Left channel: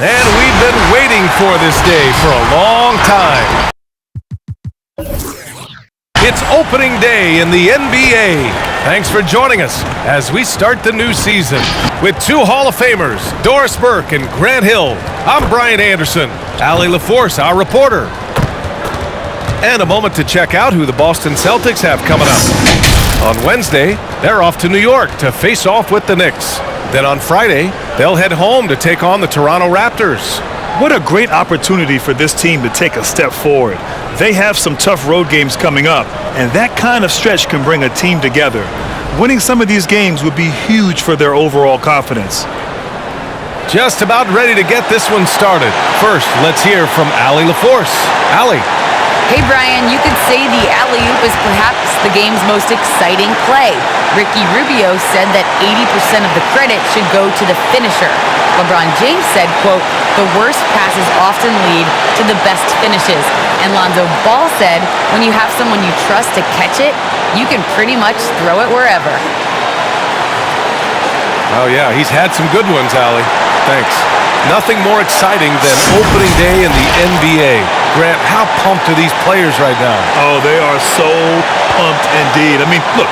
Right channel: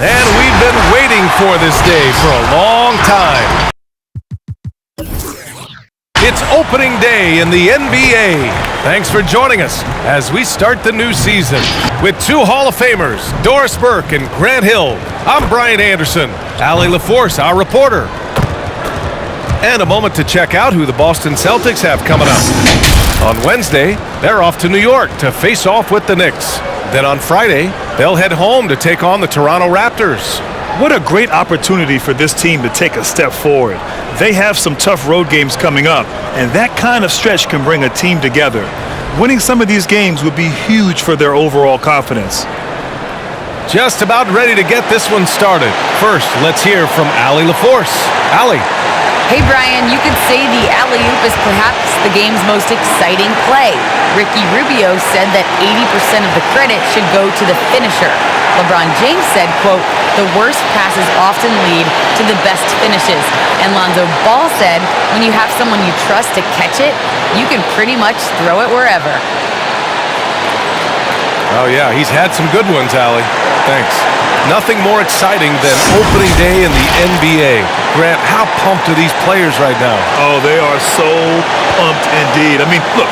And we've been waiting for this day for a long time. It's opening day in the NBA. Thanks for joining us as we start the new season. With two Hall of Famers, Doris Burke and Grant Hill, I'm Brian Anderson, Allie LaForce, our reporter. And a moment to check out who the Boston Celtics have coming up. On Wednesday, they're off to New York to face off with the Knicks. Then on Friday, they'll head home to take on the Toronto Raptors. What a great opportunity for this team to take a step forward. They have some tough road games coming up, and that kind of stretch can bring a team together. Winning some of these games would be huge for their overall confidence. Just about ready to get this one started. First, let's hear from Allie LaForce. Allie. Hey, Brian, you could say the alley-oop is perhaps the game's most exciting play. Ricky Rubio said that 80% of the credit should go to the finisher. LeBron James said, quote, the worst passes often lead to the best finishes. And Lonzo Ball said, when you have someone you trust to catch it, you can pretty much throw it wherever. Oh, yeah, he's had some good ones, Allie. Thanks. Nothing more exciting than opening day in the NBA. Grant, how pumped are these players right now? Oh, they are so pumped indeed. I mean, look,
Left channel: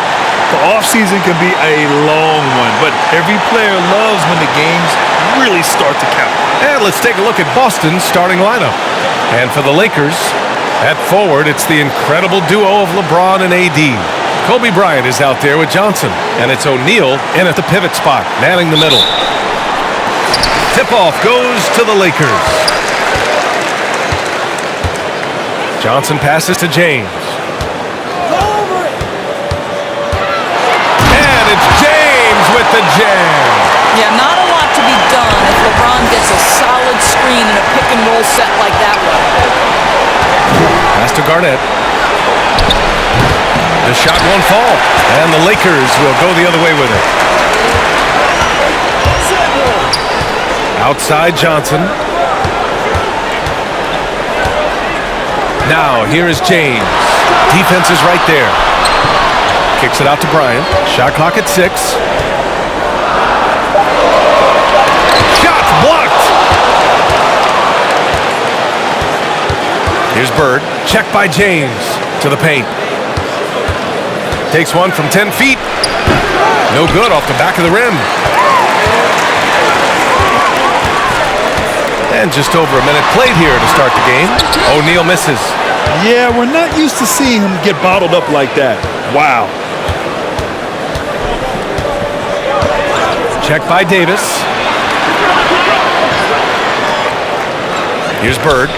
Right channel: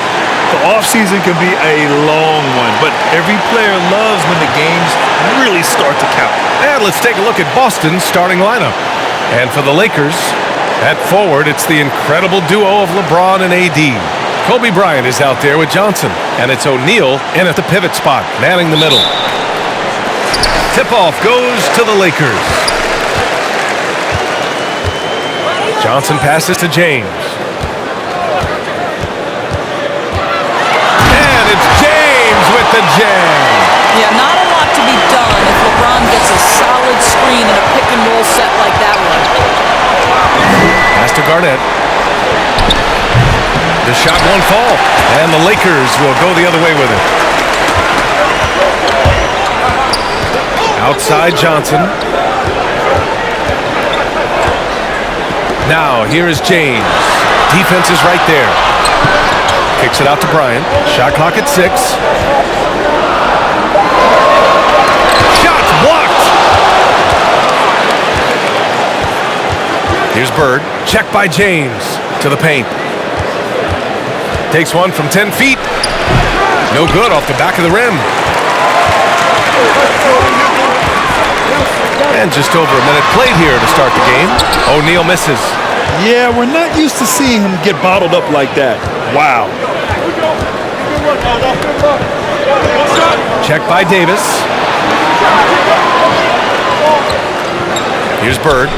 the offseason can be a long one, but every player loves when the games really start to count. And let's take a look at Boston's starting lineup. And for the Lakers, at forward, it's the incredible duo of LeBron and AD. Kobe Bryant is out there with Johnson, and it's O'Neal in at the pivot spot, manning the middle. Tip-off goes to the Lakers. Johnson passes to James. And it's James with the jam. Yeah, not a lot to be done if LeBron gets a solid screen in a pick-and-roll set like that one. Pass to Garnett. The shot won't fall, and the Lakers will go the other way with it. Outside Johnson. Now, here is James. Defense is right there. Kicks it out to Bryant. Shot clock at 6. Shots blocked! Here's Bird. Checked by James. To the paint. Takes one from 10 feet. No good off the back of the rim. And just over a minute played here to start the game. O'Neal misses. Yeah, we're not used to seeing him get bottled up like that. Wow. Check by Davis. Here's Bird.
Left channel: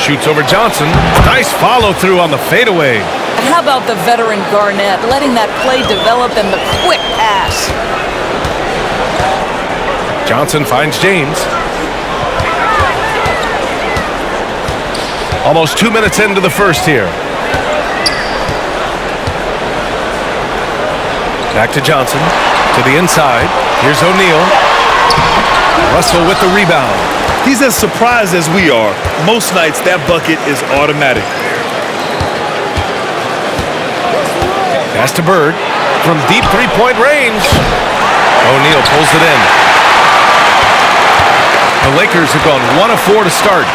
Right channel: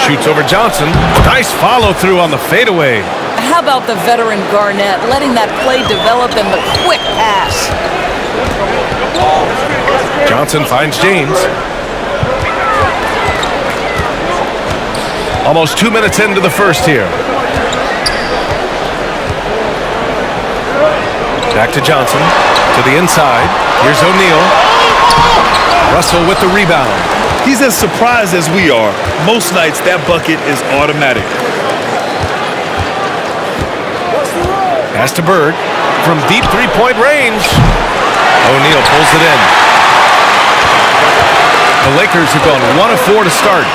Shoots over Johnson. Nice follow through on the fadeaway. How about the veteran Garnett letting that play develop and the quick pass? Johnson finds James. Almost 2 minutes into the first here. Back to Johnson. To the inside. Here's O'Neal. Russell with the rebound. He's as surprised as we are. Most nights, that bucket is automatic. Pass to Bird. From deep three-point range. O'Neal pulls it in. The Lakers have gone 1 of 4 to start.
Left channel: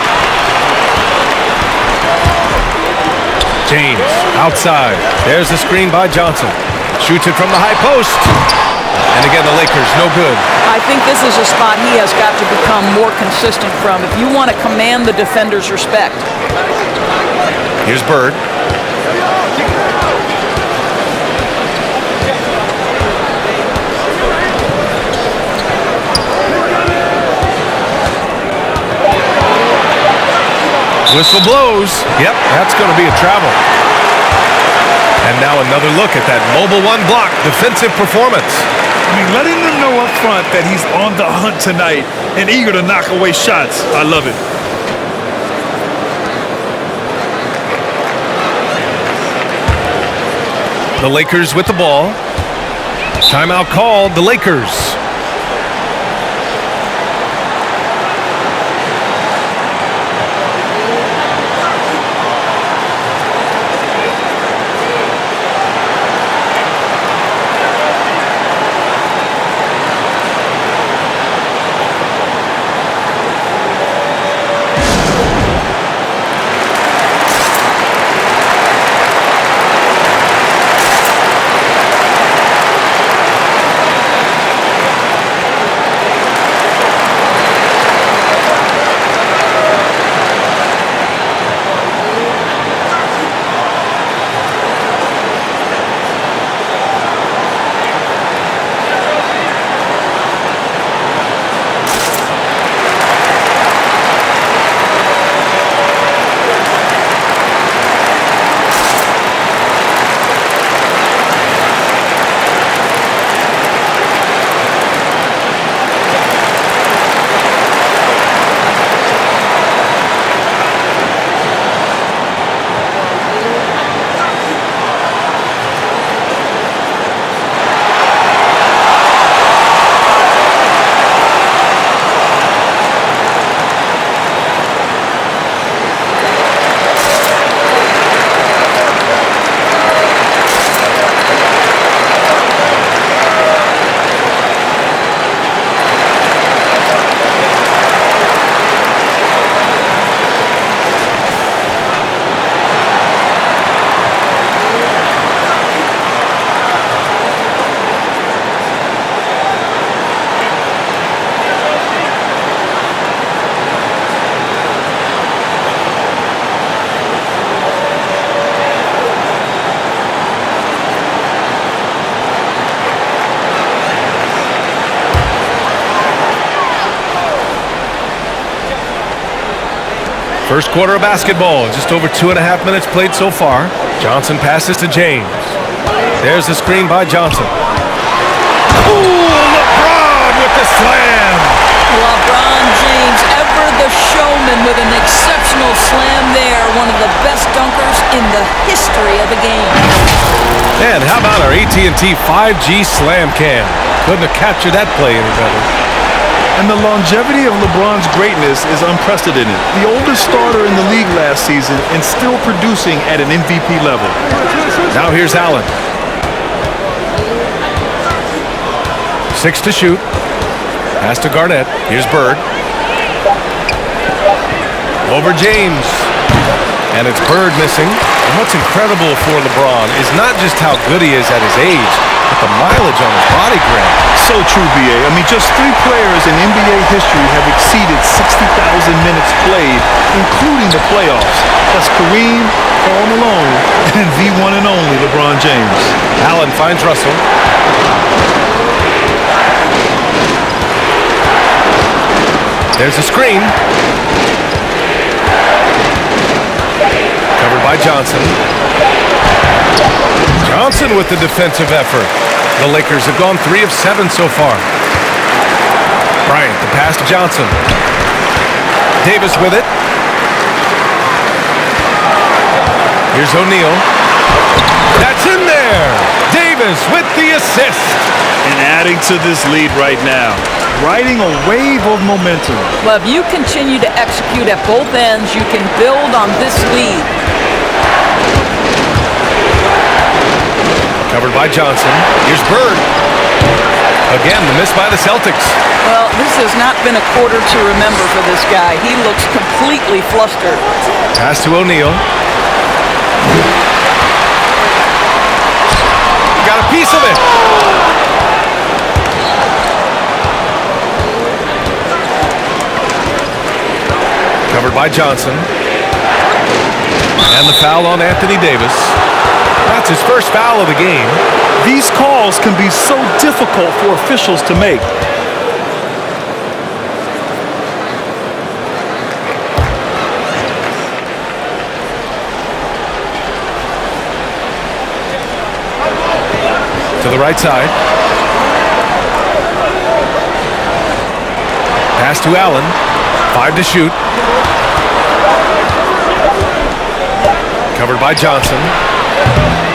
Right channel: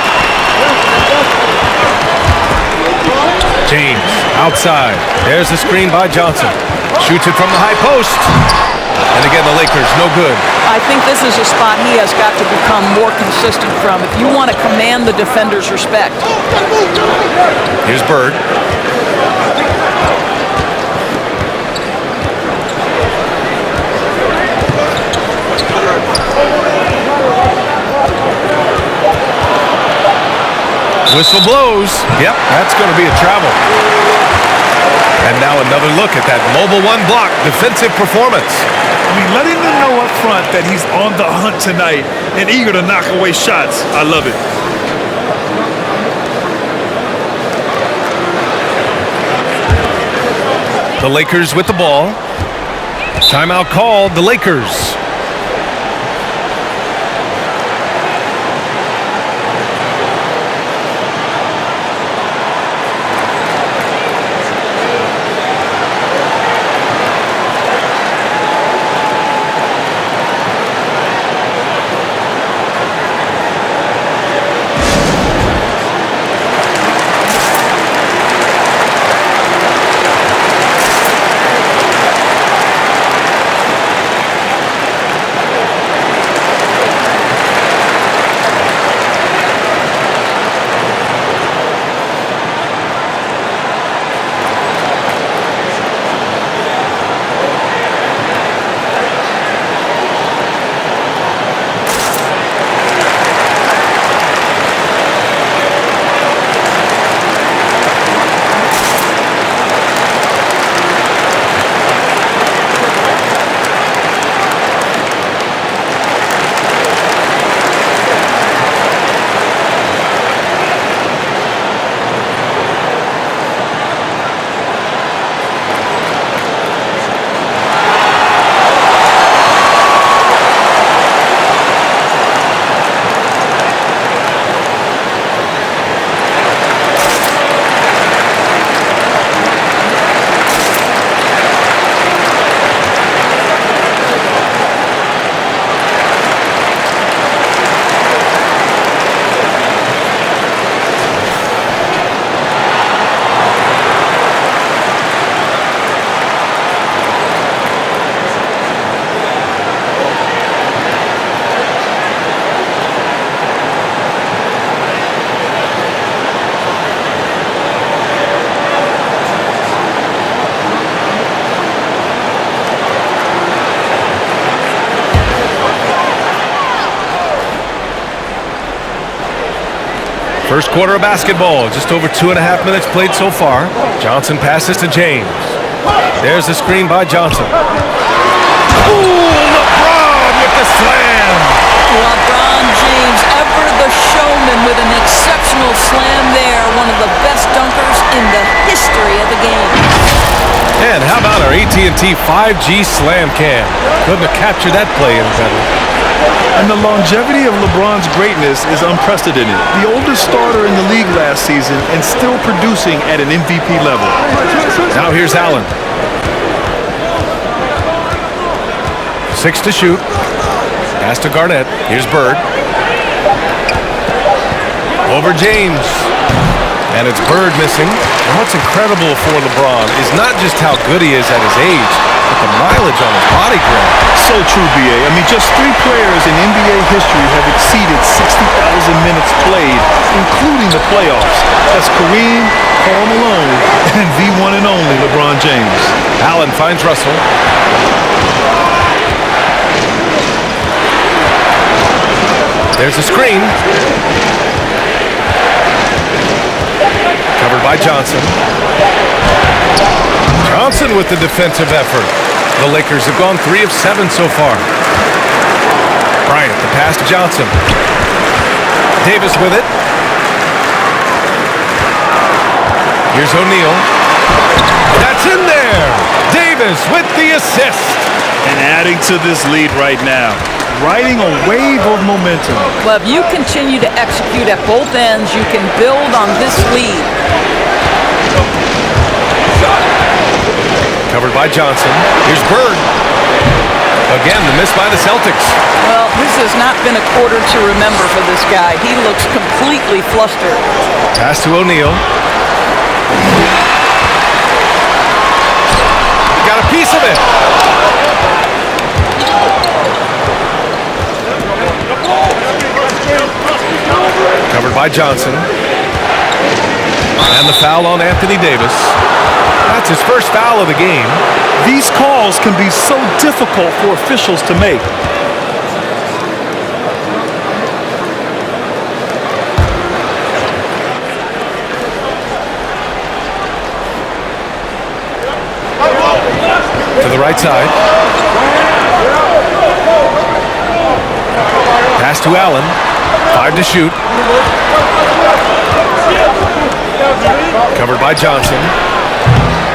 James, outside. There's the screen by Johnson. Shoots it from the high post. And again, the Lakers, no good. I think this is a spot he has got to become more consistent from if you want to command the defender's respect. Here's Bird. Whistle blows. Yep, that's going to be a travel. And now another look at that mobile one block defensive performance. I mean, letting them know up front that he's on the hunt tonight and eager to knock away shots. I love it. The Lakers with the ball. Timeout called, the Lakers. First quarter of basketball, just over 2.5 minutes played so far. Johnson passes to James. There's the screen by Johnson. Ooh, LeBron with the slam. LeBron James, ever the showman with an exceptional slam there. One of the best dunkers in the history of the game. And how about our AT&T 5G slam cam? Couldn't have captured that play any better. And the longevity of LeBron's greatness is unprecedented. The oldest starter in the league last season and still producing at an MVP level. Now here's Allen. 6 to shoot. Pass to Garnett. Here's Bird. Over James. And it's Bird missing. And what's incredible for LeBron is not just how good he is at his age, but the mileage on his body grab. So true, B.A. I mean, just 3 players in NBA history have exceeded 60,000 minutes played, including the playoffs. That's Kareem, Karl Malone, and the one and only LeBron James. Allen finds Russell. There's a screen. Covered by Johnson. Johnson with the defensive effort. The Lakers have gone 3 of 7 so far. Bryant, the pass to Johnson. Davis with it. Here's O'Neal. That's in there. Davis with the assist. And adding to this lead right now, riding a wave of momentum. Well, if you continue to execute at both ends, you can build on this lead. Covered by Johnson. Here's Bird. Again, the miss by the Celtics. Well, this has not been a quarter to remember for this guy. He looks completely flustered. Pass to O'Neal. Got a piece of it. Covered by Johnson. And the foul on Anthony Davis. That's his first foul of the game. These calls can be so difficult for officials to make. To the right side. Pass to Allen. 5 to shoot. Covered by Johnson.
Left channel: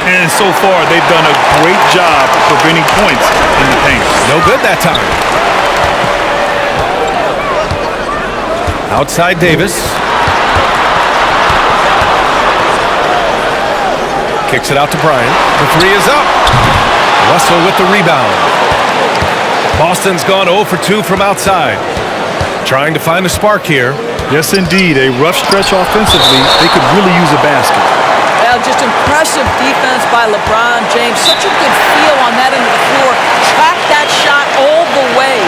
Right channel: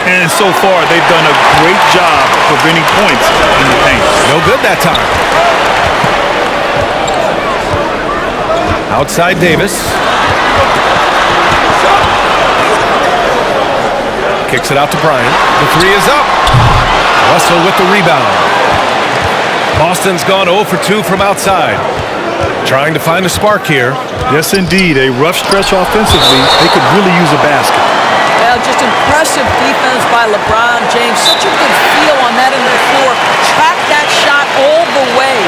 And so far, they've done a great job of preventing points in the paint. No good that time. Outside Davis. Kicks it out to Bryant. The 3 is up. Russell with the rebound. Boston's gone 0 for 2 from outside. Trying to find a spark here. Yes, indeed. A rough stretch offensively. They could really use a basket. Well, just impressive defense by LeBron James. Such a good feel on that end of the floor. Track that shot all the way.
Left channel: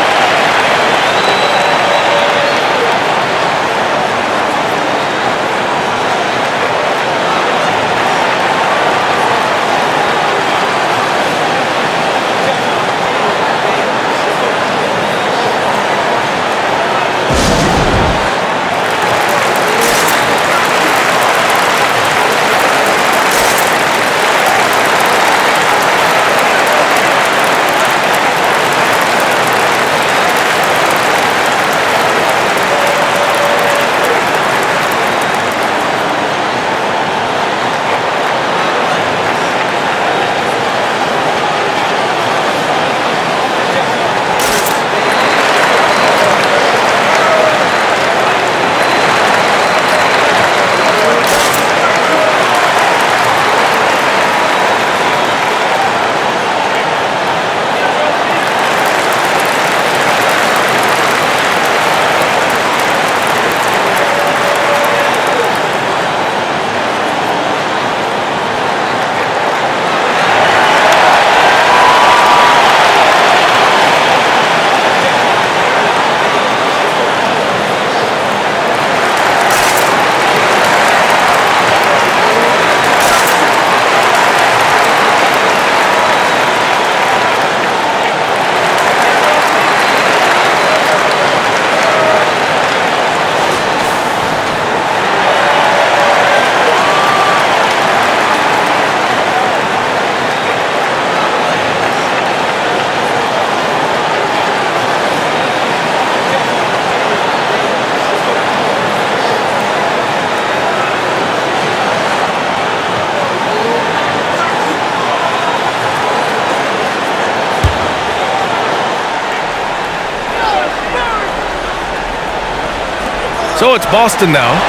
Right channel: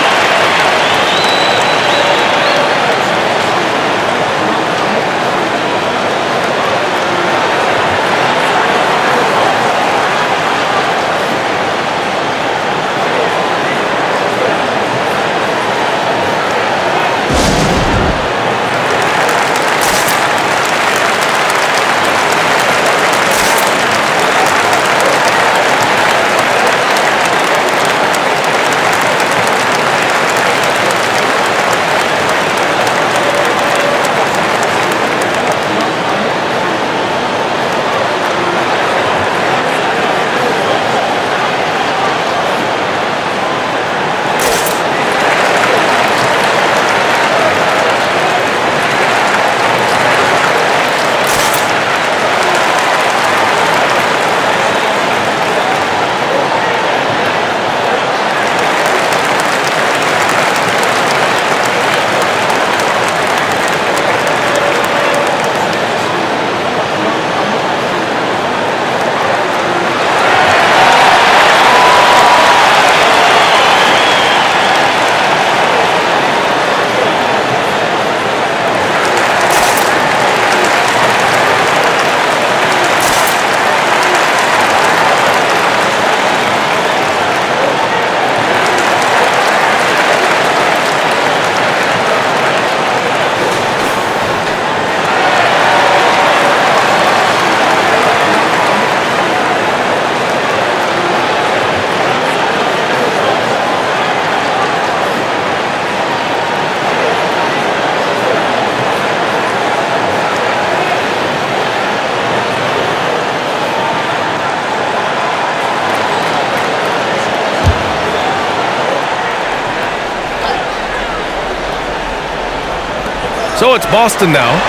So it's Boston now.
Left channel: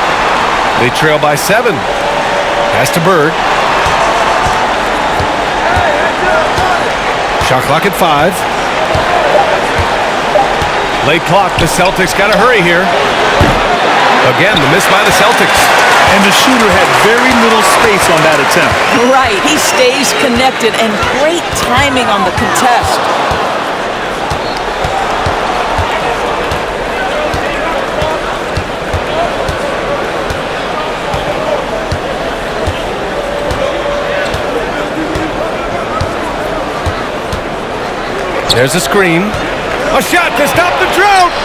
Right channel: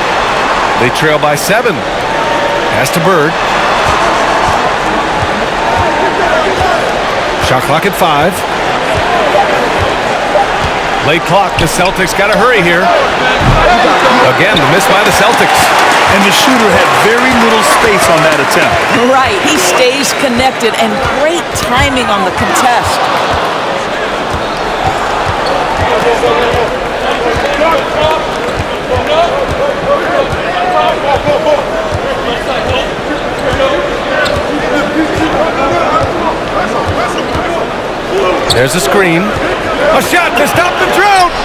They trail by 7. Pass to Bird. Shot clock at 5. Late clock. The Celtics got to hurry here. Again, the miss by the Celtics. And the shooter had very little space on that attempt. Right. He stays connected, and great timing on the contest. There's a screen. A shot to stop the drought.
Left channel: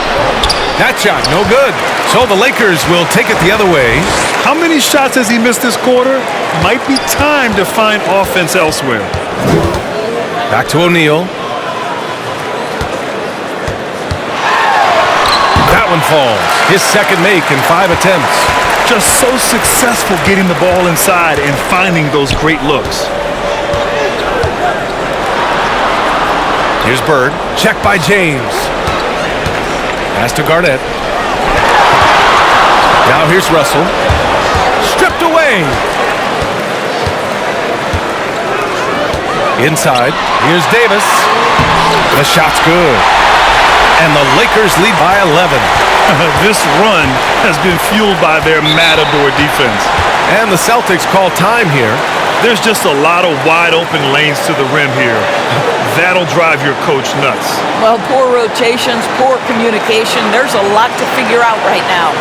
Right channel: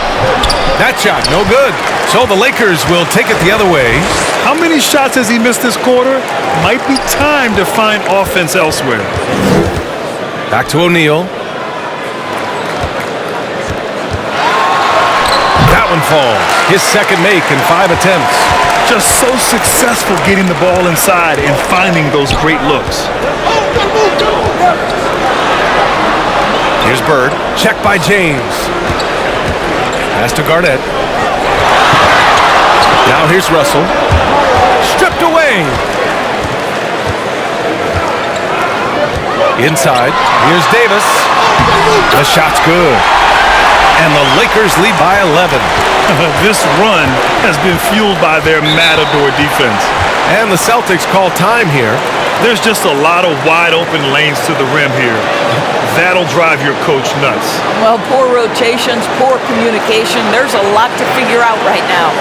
That shot, no good. So the Lakers will take it the other way. How many shots has he missed this quarter? Might be time to find offense elsewhere. Back to O'Neal. That one falls. His second make in 5 attempts. Just so successful getting the ball inside and finding those great looks. Here's Bird. Check by James. Pass to Garnett. Now here's Russell. Stripped away. Inside. Here's Davis. The shot's good. And the Lakers lead by 11. This run has been fueled by their matador defense. And the Celtics call time here. There's just a lot of wide open lanes to the rim here. That'll drive your coach nuts. Well, poor rotations, poor communication. There's a lot to figure out right now.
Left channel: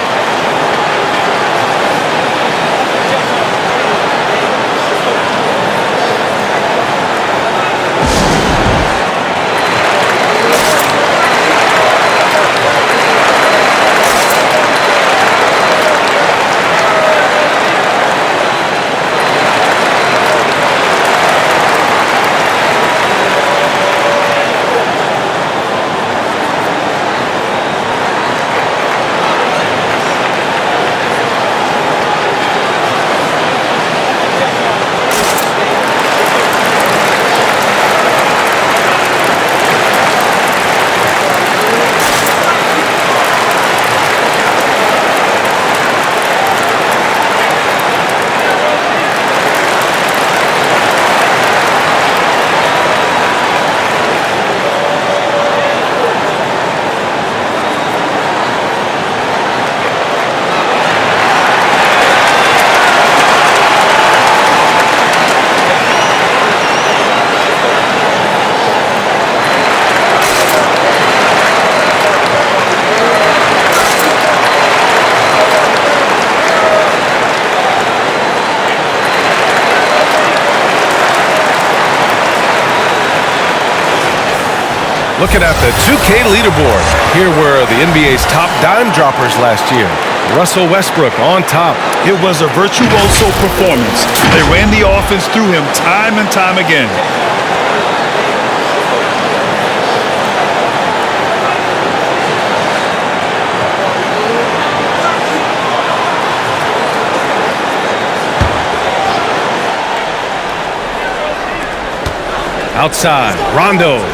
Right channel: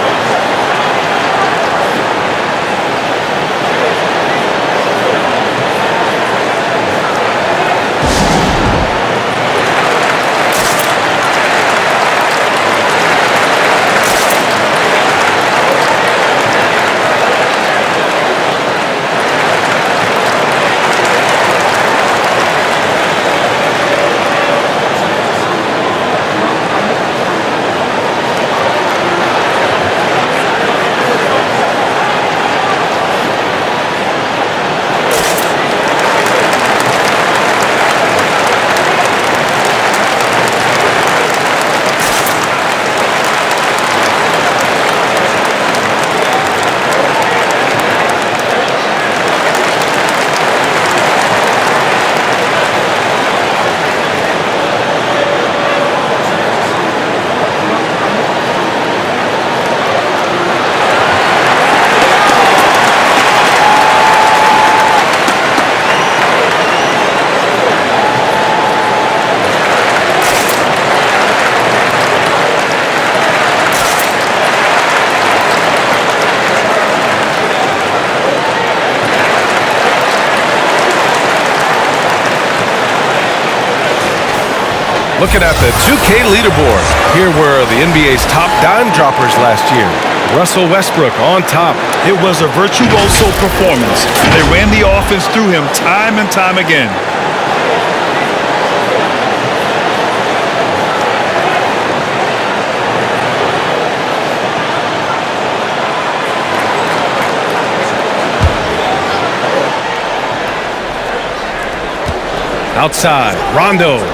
Looking at the 2K leaderboard, here were the NBA's top dime droppers last year. Russell Westbrook on top. It was a virtuoso performance. They ran the offense through him time and time again. Outside, Rondo.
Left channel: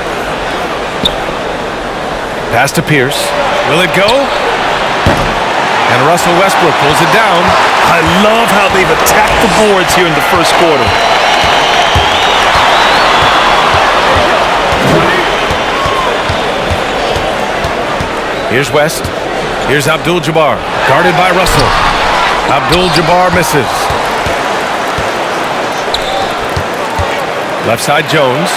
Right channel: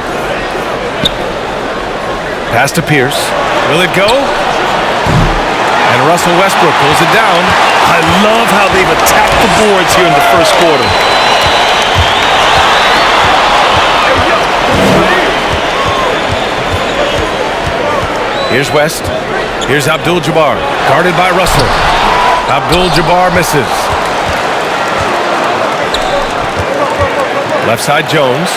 Pass to Pierce. Will it go? And Russell Westbrook pulls it down. I love how they've attacked the boards here in the first quarter. Here's West. Here's Abdul-Jabbar. Guarded by Russell. Abdul-Jabbar misses. Left side, Jones.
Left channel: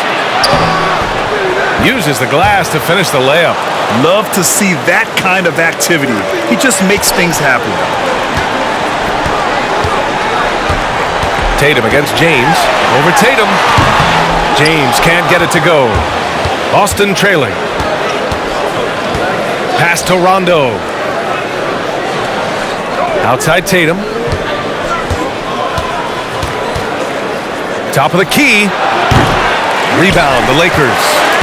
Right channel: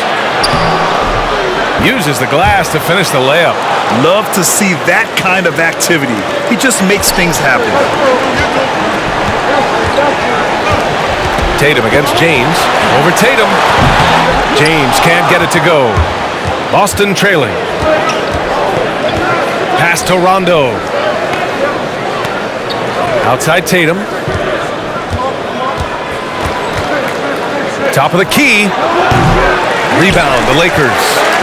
Uses the glass to finish the layup. Love to see that kind of activity. He just makes things happen. Tatum against James. Over Tatum. James can't get it to go. Boston trailing. Pass to Rondo. Outside Tatum. Top of the key. Rebound, the Lakers.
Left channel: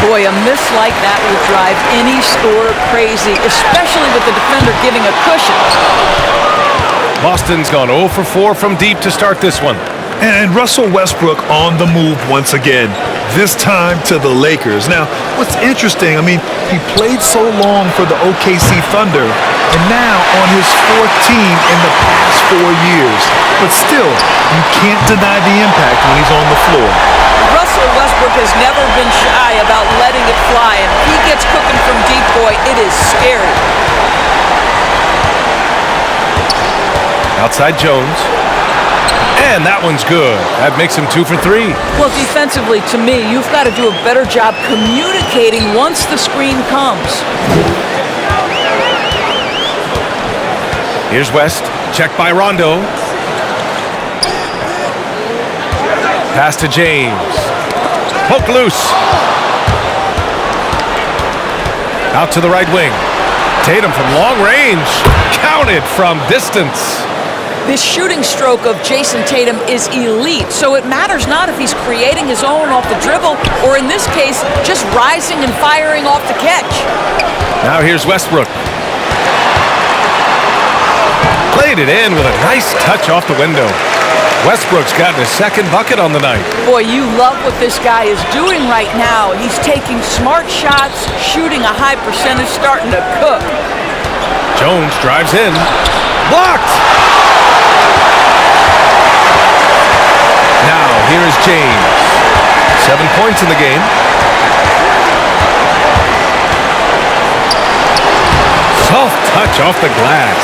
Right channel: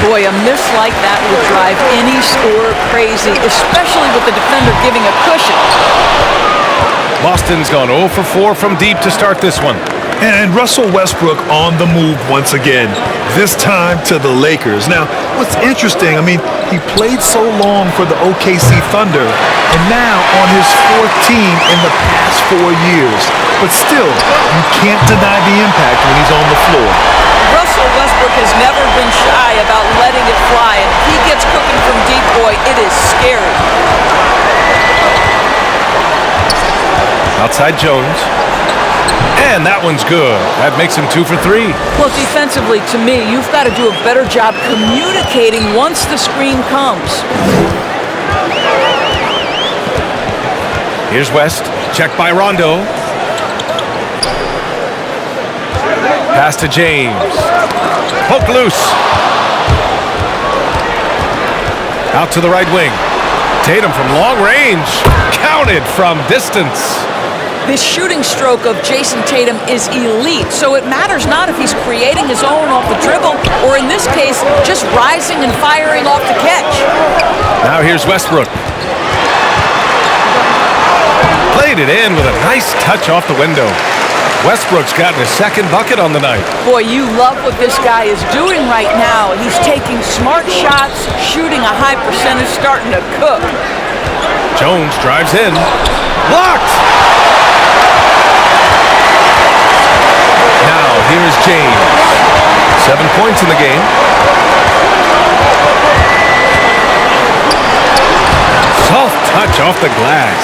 Boy, a miss like that will drive any scorer crazy, especially with the defender giving a cushion. Boston's gone 0 for 4 from deep to start this one. And Russell Westbrook on the move once again, this time to the Lakers. Now, what's interesting, I mean, he played so long for the OKC Thunder, and now on his fourth team in the past 4 years. But still, you can't deny the impact when he's on the floor. Russell Westbrook has never been shy about letting it fly, and if he gets cooking from deep, boy, it is scary. Outside Jones. And that one's good. That makes him 2 for 3. Well, defensively, to me, you've got to do a better job communicating once the screen comes. Here's West. Checked by Rondo. Pass to James. Poke loose. Out to the right wing. Tatum from long range. Counted from distance. This shooting stroke of Jason Tatum is elite, so it matters not if he's creating his own off the dribble or, in this case, just rising and firing off the catch. Now here's Westbrook. Played it in with a nice touch off the window. Westbrook's gotten his second bucket on the night. Boy, you love what this guy is doing right now. He's taking smart shots, shooting a high percentage, starting to cook. Jones drives in. Blocked! Now, here is James. 7 points in the game. Soft touch off the glass.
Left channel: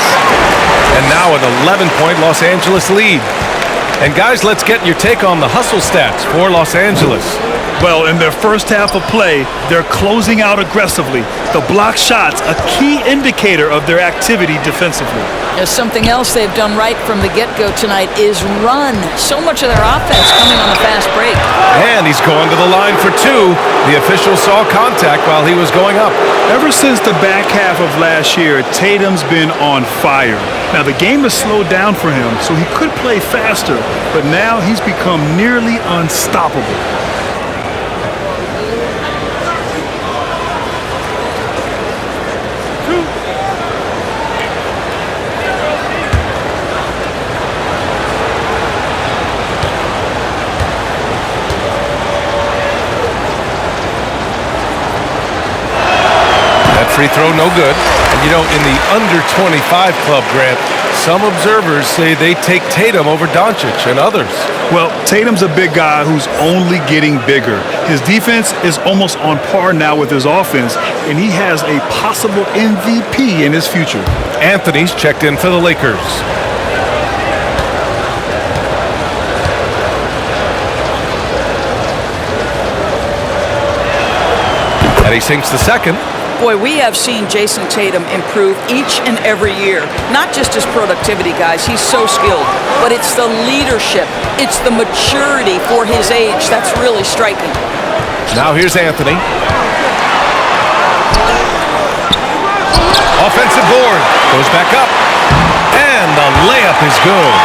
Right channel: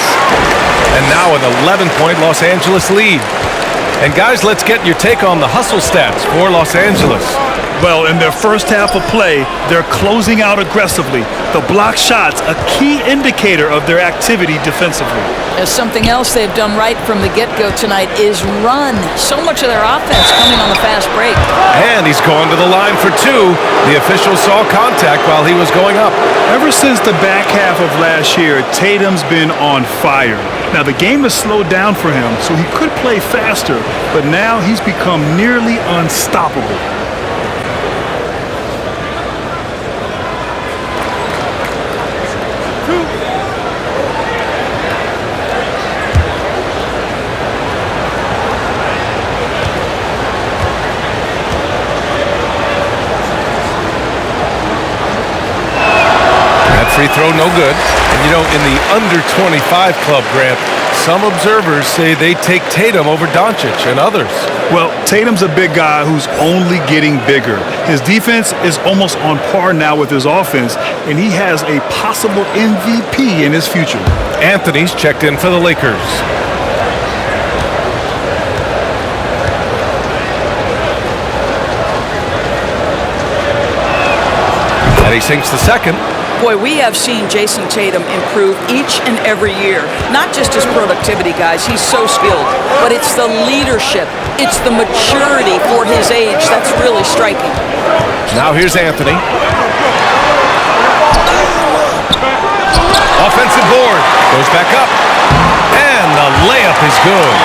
And now an 11-point Los Angeles lead. And guys, let's get your take on the hustle stats for Los Angeles. Well, in their first half of play, they're closing out aggressively. The block shots, a key indicator of their activity defensively. There's something else they've done right from the get-go tonight is run. So much of their offense coming on the fast break. And he's going to the line for 2. The official saw contact while he was going up. Ever since the back half of last year, Tatum's been on fire. Now, the game has slowed down for him, so he could play faster, but now he's become nearly unstoppable. Free throw, no good. And you know, in the under 25 club, Grant, some observers say they take Tatum over Doncic and others. Well, Tatum's a big guy who's only getting bigger. His defense is almost on par now with his offense, and he has a possible MVP in his future. Anthony's checked in for the Lakers. And he sinks the second. Boy, we have seen Jason Tatum improve each and every year. Not just his productivity, guys. He's so skilled. But it's the leadership. It's the maturity for his age that's really striking. Now here's Anthony. Offensive board. Goes back up. And the layup is good.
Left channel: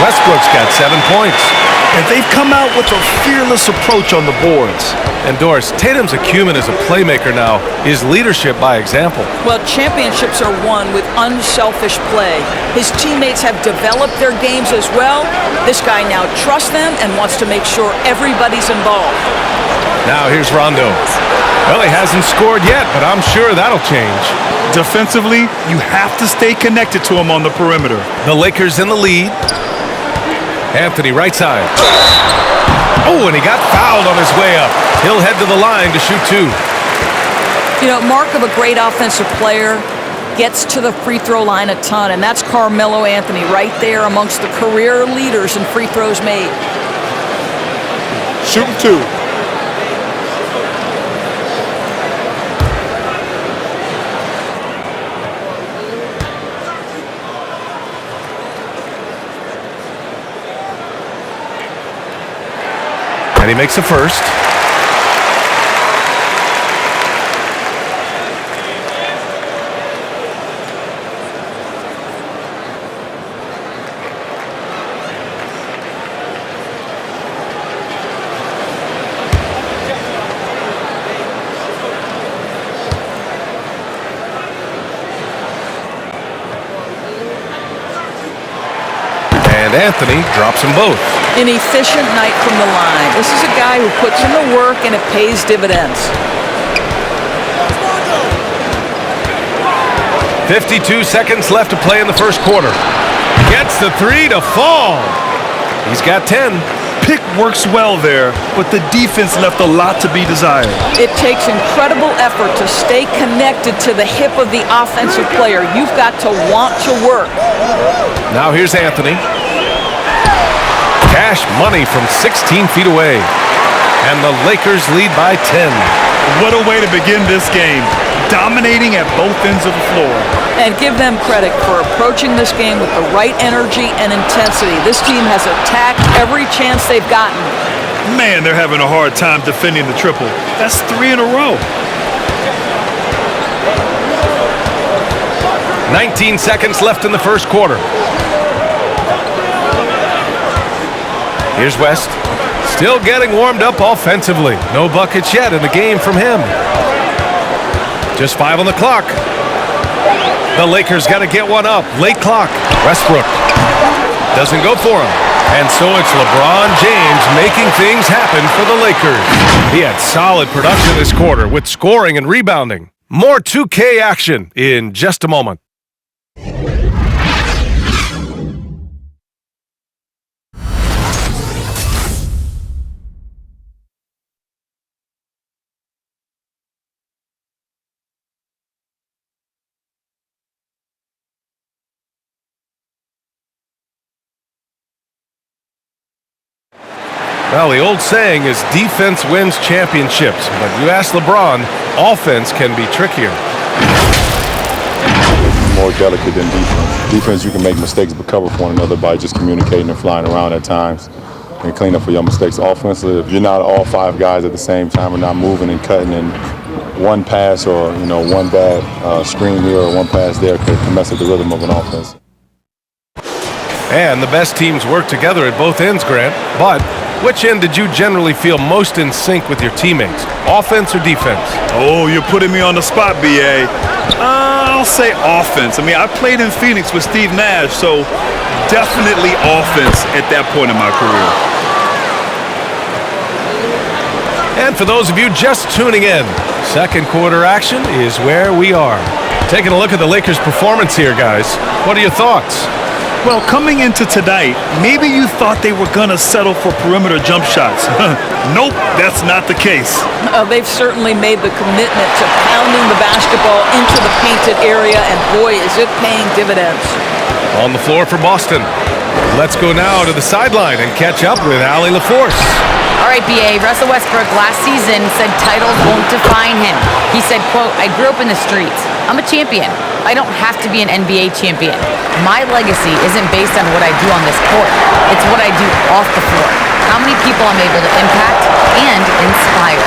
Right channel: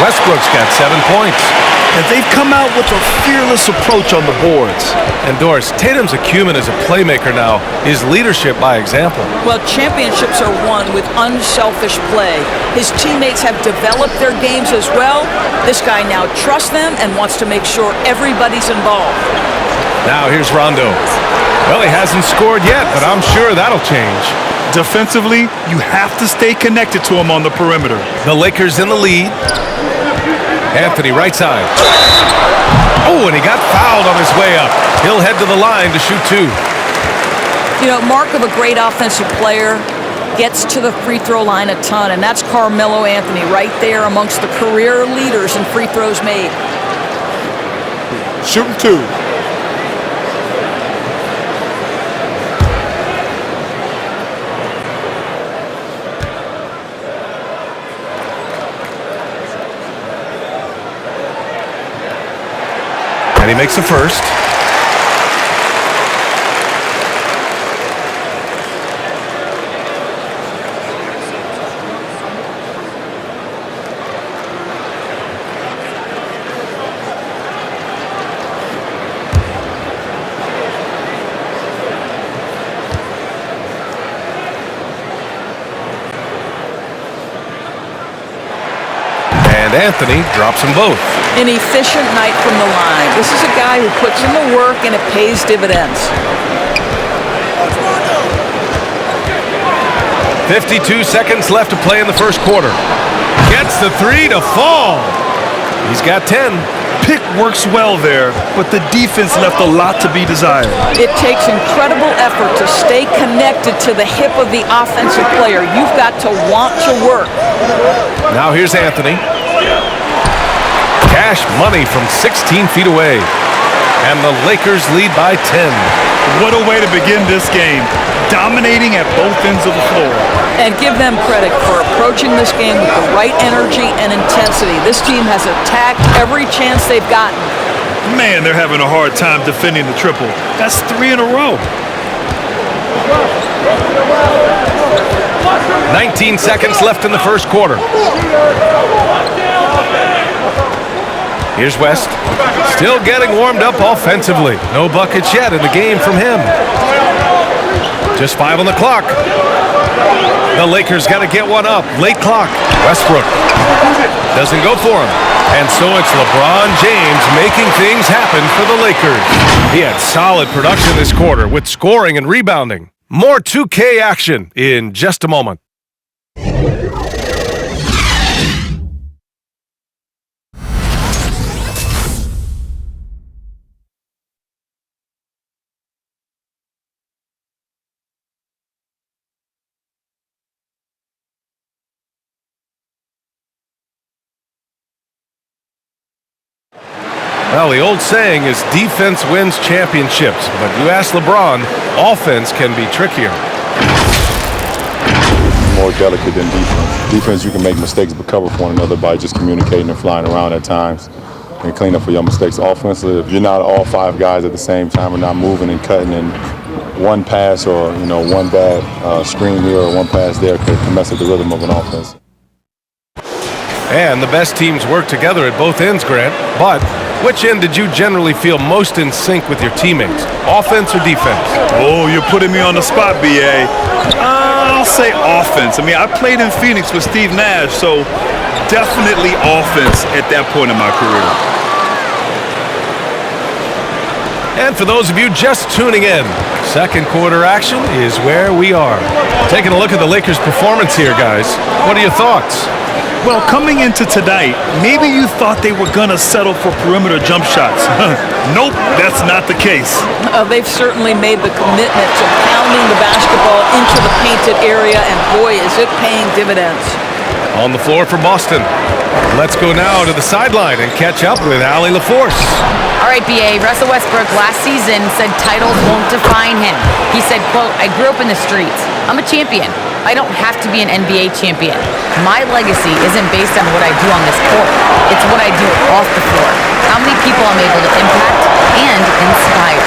Westbrook's got 7 points. And they've come out with a fearless approach on the boards. And Doris, Tatum's acumen as a playmaker now is leadership by example. Well, championships are won with unselfish play. His teammates have developed their games as well. This guy now trusts them and wants to make sure everybody's involved. Now here's Rondo. Well, he hasn't scored yet, but I'm sure that'll change. Defensively, you have to stay connected to him on the perimeter. The Lakers in the lead. Anthony, right side. Oh, and he got fouled on his way up. He'll head to the line to shoot 2. You know, mark of a great offensive player, gets to the free throw line a ton, and that's Carmelo Anthony right there amongst the career leaders in free throws made. Shooting 2. And he makes the first. And And Anthony drops them both. An efficient night from the line. This is a guy who puts in the work and it pays dividends. 52 seconds left to play in the first quarter. Gets the three to fall. He's got 10. Pick works well there, but the defense left a lot to be desired. It takes incredible effort to stay connected to the hip of the offensive player. You've got to want to work. Now here's Anthony. Cash money from 16 feet away. And the Lakers lead by 10. What a way to begin this game. Dominating at both ends of the floor. And give them credit for approaching this game with the right energy and intensity. This team has attacked every chance they've gotten. Man, they're having a hard time defending the triple. That's 3 in a row. 19 seconds left in the first quarter. Here's West. Still getting warmed up offensively. No buckets yet in the game from him. Just 5 on the clock. The Lakers got to get one up. Late clock. Westbrook doesn't go for him. And so it's LeBron James making things happen for the Lakers. He had solid production this quarter with scoring and rebounding. More 2K action in just a moment. Well, the old saying is defense wins championships, but you ask LeBron, offense can be trickier. More delicate than defense. Defense, you can make mistakes but cover for one another by just communicating and flying around at times and clean up for your mistakes. Offensively, if you're not all 5 guys at the same time and not moving and cutting, and one pass or one bad screen here or one pass there can mess up the rhythm of an offense. And the best teams work together at both ends, Grant, but which end did you generally feel most in sync with your teammates, offense or defense? Oh, you're putting me on the spot, B.A. I'll say offense. I mean, I played in Phoenix with Steve Nash, so definitely offense at that point in my career. And for those of you just tuning in, second quarter action is where we are. Taking a look at the Lakers' performance here, guys. What are your thoughts? Well, coming into tonight, maybe you thought they were going to settle for perimeter jump shots. Nope, that's not the case. They've certainly made the commitment to pounding the basketball into the painted area, and boy, is it paying dividends. On the floor for Boston. Let's go now to the sideline and catch up with Allie LaForce. All right, BA, Russell Westbrook last season said titles won't define him. He said, quote, "I grew up in the streets. I'm a champion. I don't have to be an NBA champion. My legacy isn't based on what I do on this court. It's what I do off the floor. How many people I'm able to impact and inspire."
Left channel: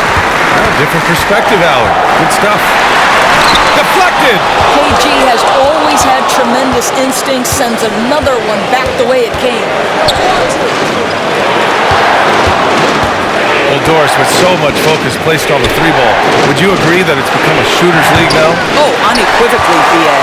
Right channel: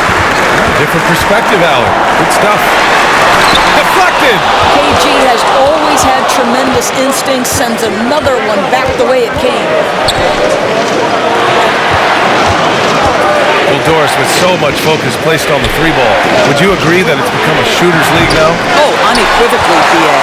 Different perspective, Allie. Good stuff. Deflected. KG has always had tremendous instincts, sends another one back the way it came. Well, Doris, with so much focus placed on the 3-ball, would you agree that it's become a shooter's league now? Oh, unequivocally, BA.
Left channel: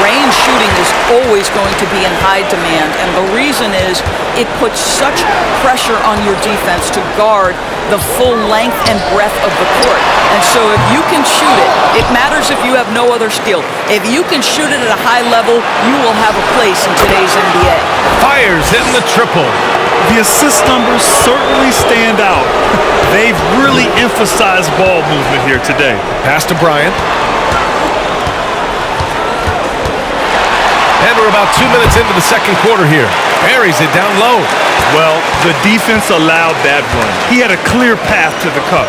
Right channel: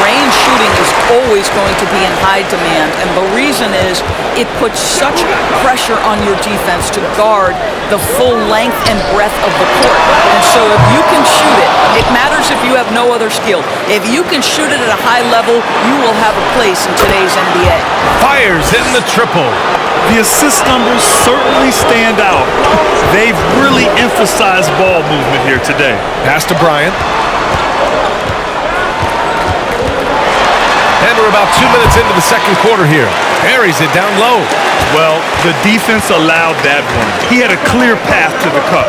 Range shooting is always going to be in high demand, and the reason is it puts such pressure on your defense to guard the full length and breadth of the court. And so if you can shoot it, it matters if you have no other skill. If you can shoot it at a high level, you will have a place in today's NBA. Fires in the triple. The assist numbers certainly stand out. They've really emphasized ball movement here today. Pass to Bryant. And we're about 2 minutes into the second quarter here. Buries it down low. Well, the defense allowed that one. He had a clear path to the cup.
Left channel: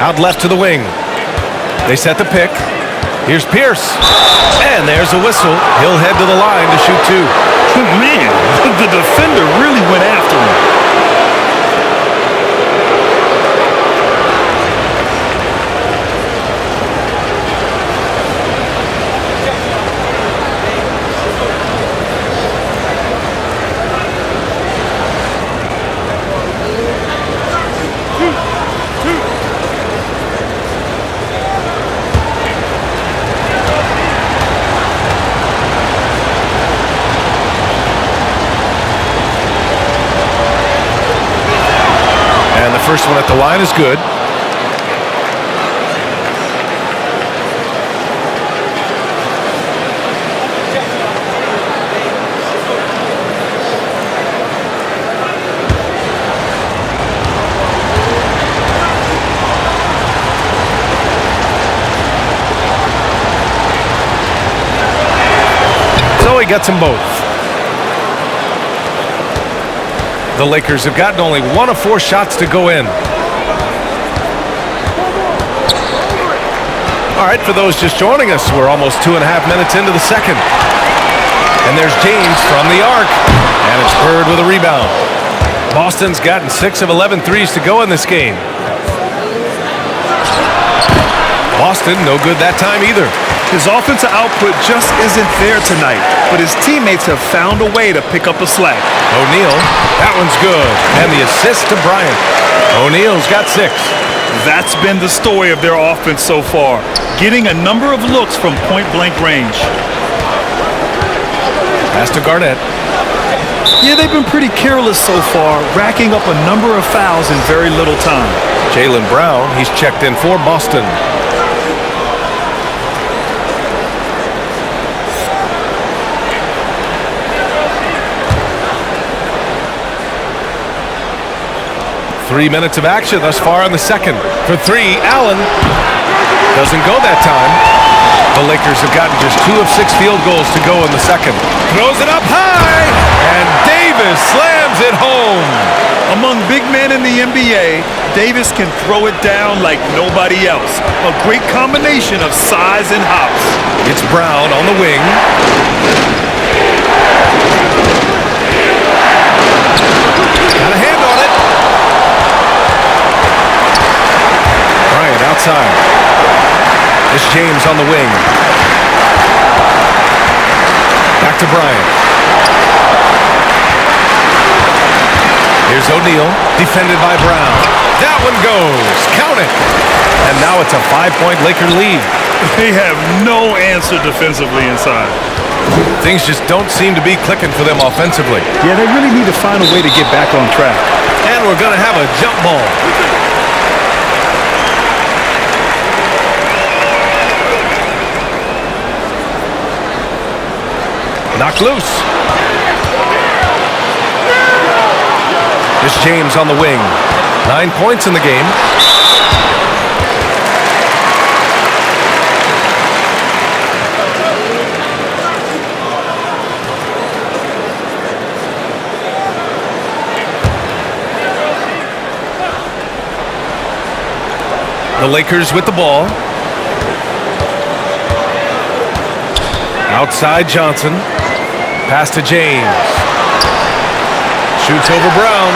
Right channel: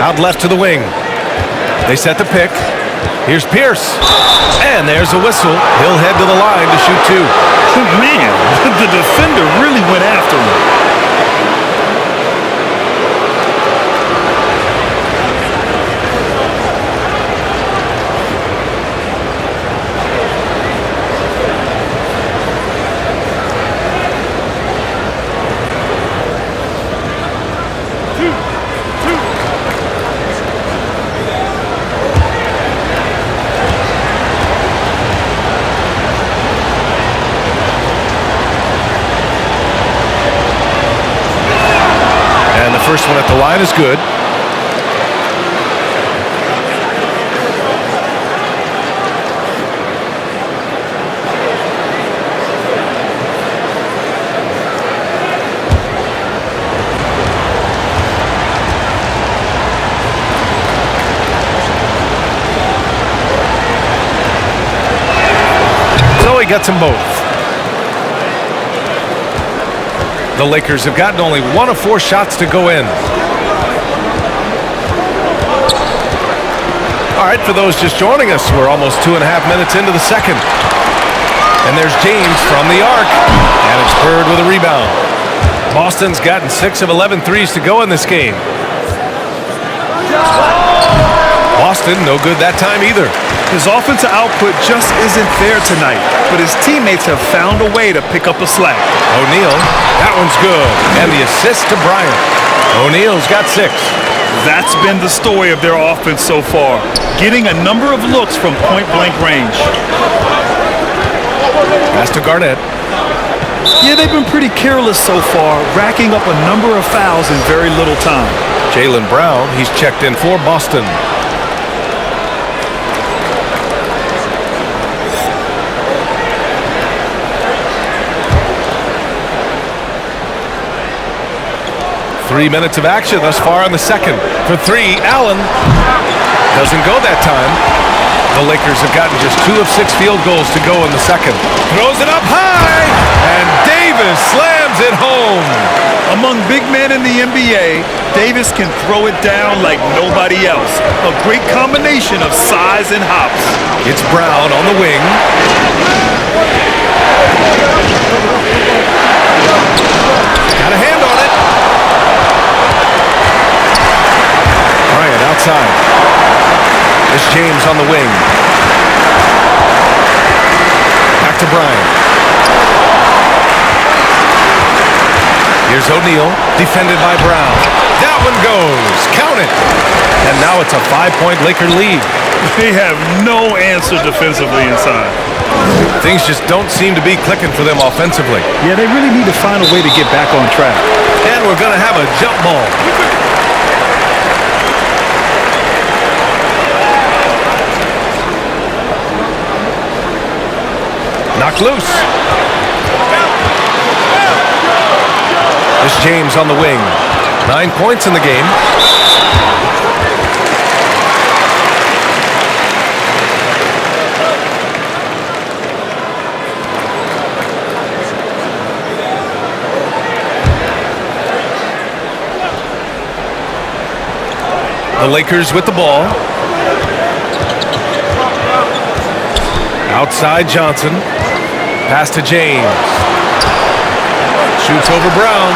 Out left to the wing. They set the pick. Here's Pierce. And there's a whistle. He'll head to the line to shoot 2. Man, the defender really went after him. first one at the line is good. So he gets them both. The Lakers have gotten only 1 of 4 shots to go in. All right, for those just joining us, we're almost 2.5 minutes into the second. And there's James from the arc. And it's Bird with a rebound. Boston's gotten 6 of 11 threes to go in this game. Boston, no good that time either. His offensive output just isn't there tonight, but his teammates have found a way to pick up the slack. O'Neal, that one's good. And the assist to Bryant. O'Neal's got 6. That's been the story of their offense so far, getting a number of looks from point-blank range. Pass to Garnett. Yeah, they've been pretty careless so far, racking up a number of fouls in very little time. Jaylen Brown, he's checked in for Boston. Three minutes of action thus far in the second. For 3, Allen. Doesn't go that time. The Lakers have gotten just 2 of 6 field goals to go in the second. Throws it up high, and Davis slams it home. Among big men in the NBA, Davis can throw it down like nobody else. A great combination of size and hops. It's Brown on the wing. Got a hand on it. Bryant outside. This James on the wing. Back to Bryant. Here's O'Neal, defended by Brown. That one goes. Count it. And now it's a 5-point Laker lead. They have no answer defensively inside. Things just don't seem to be clicking for them offensively. Yeah, they really need to find a way to get back on track. And we're going to have a jump ball. Knocked loose. This James on the wing. 9 points in the game. The Lakers with the ball. Outside Johnson. Pass to James. Shoots over Brown.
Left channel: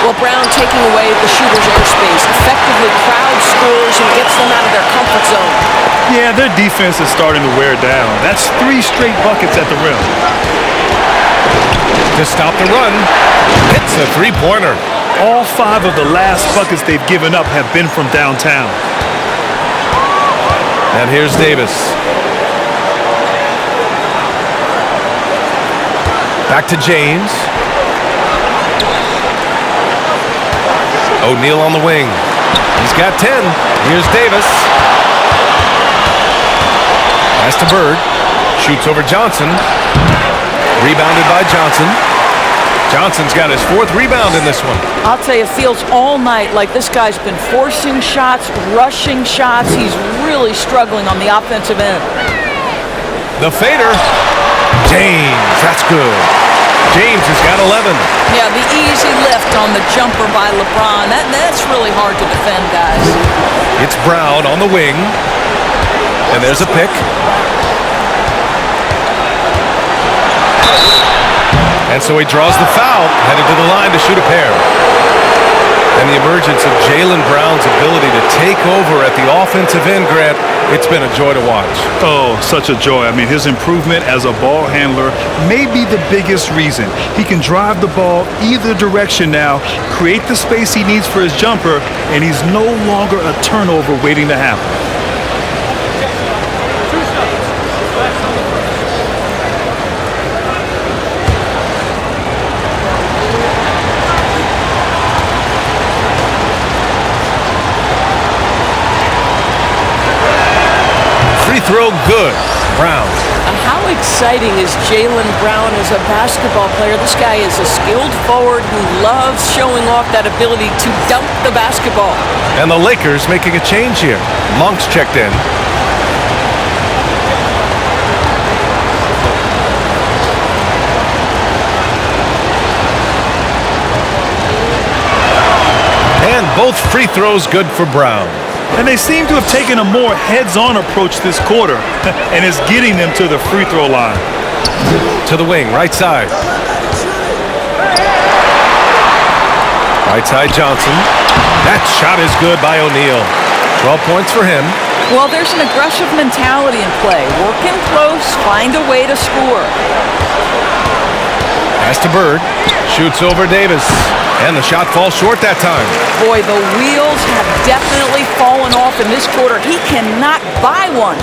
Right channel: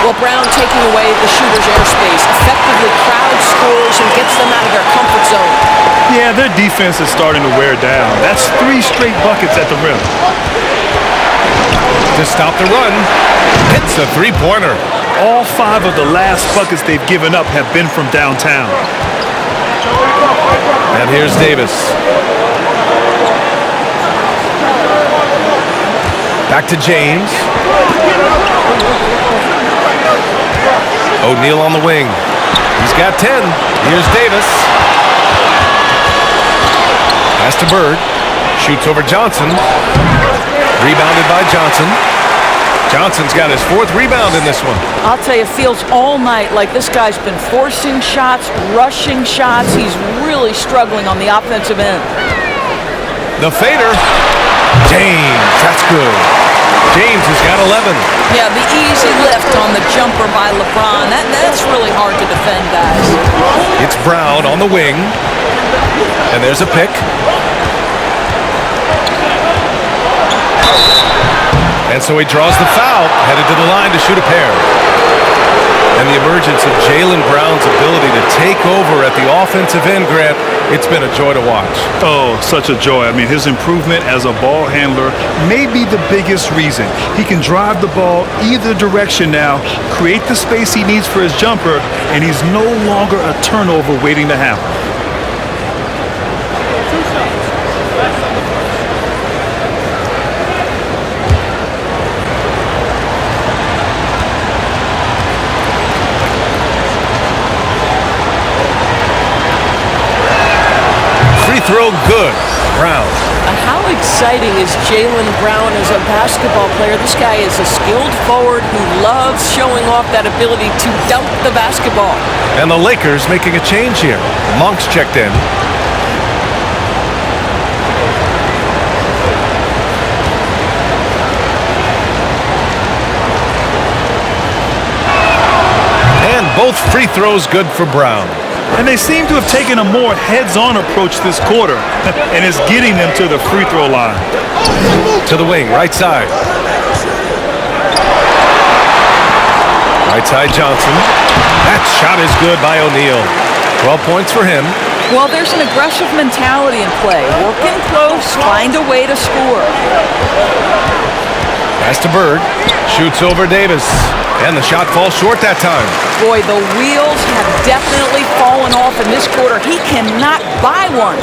Well, Brown taking away the shooter's airspace effectively crowds scores and gets them out of their comfort zone. Yeah, their defense is starting to wear down. That's 3 straight buckets at the rim. To stop the run, hits a three-pointer. All 5 of the last buckets they've given up have been from downtown. And here's Davis. Back to James. O'Neal on the wing. He's got 10. Here's Davis. Pass to Bird. Shoots over Johnson. Rebounded by Johnson. Johnson's got his 4th rebound in this one. I'll tell you, it feels all night like this guy's been forcing shots, rushing shots. He's really struggling on the offensive end. The fader. James, that's good. James has got 11. Yeah, the easy lift on the jumper by LeBron. That's really hard to defend, guys. It's Brown on the wing. And there's a pick. And so he draws the foul, headed to the line to shoot a pair. And the emergence of Jaylen Brown's ability to take over at the offensive end, Grant, it's been a joy to watch. Oh, such a joy. I mean, his improvement as a ball handler may be the biggest reason. He can drive the ball either direction now, create the space he needs for his jumper, and he's no longer a turnover waiting to happen. 2 shots. Last on the first. free throw good. Brown. How exciting is Jaylen Brown as a basketball player? This guy is a skilled forward who loves showing off that ability to dunk the basketball. And the Lakers making a change here. Monk's checked in. And both free throws good for Brown. And they seem to have taken a more heads-on approach this quarter, and it's getting them to the free throw line. To the wing, right side. Right side Johnson. That shot is good by O'Neal. 12 points for him. Well, there's an aggressive mentality in play. Work in close, find a way to score. Pass to Bird. Shoots over Davis. And the shot falls short that time. Boy, the wheels have definitely fallen off in this quarter. He cannot buy one.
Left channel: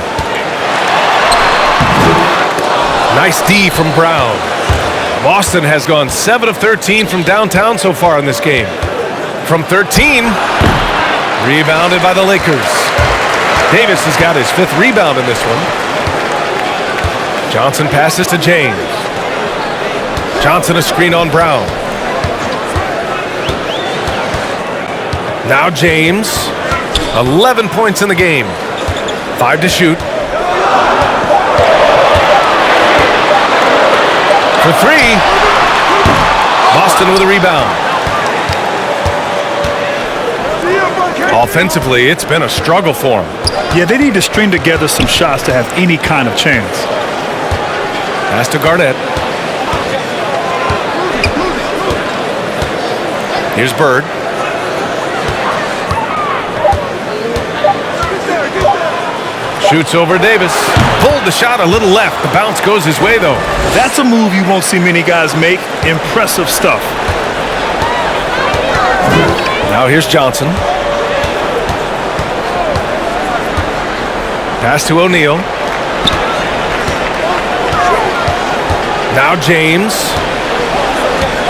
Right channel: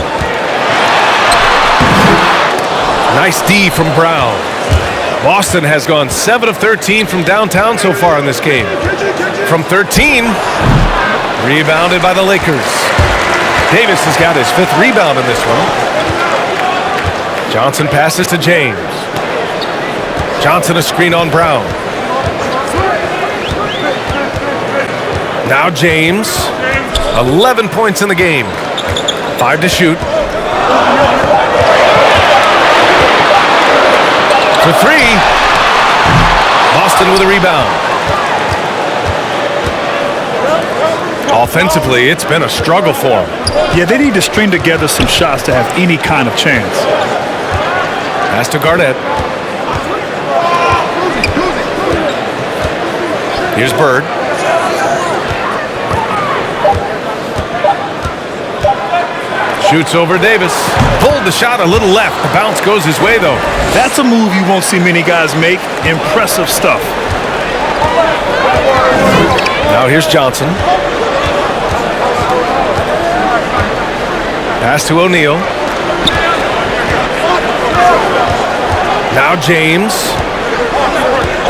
Nice D from Brown. Boston has gone 7 of 13 from downtown so far in this game. From 13, rebounded by the Lakers. Davis has got his 5th rebound in this one. Johnson passes to James. Johnson a screen on Brown. Now James, 11 points in the game. 5 to shoot. For 3. Boston with a rebound. Offensively, it's been a struggle for them. Yeah, they need to string together some shots to have any kind of chance. Pass to Garnett. Here's Bird. Shoots over Davis. Pulled the shot a little left. The bounce goes his way, though. That's a move you won't see many guys make. Impressive stuff. Now here's Johnson. Pass to O'Neal. Now James.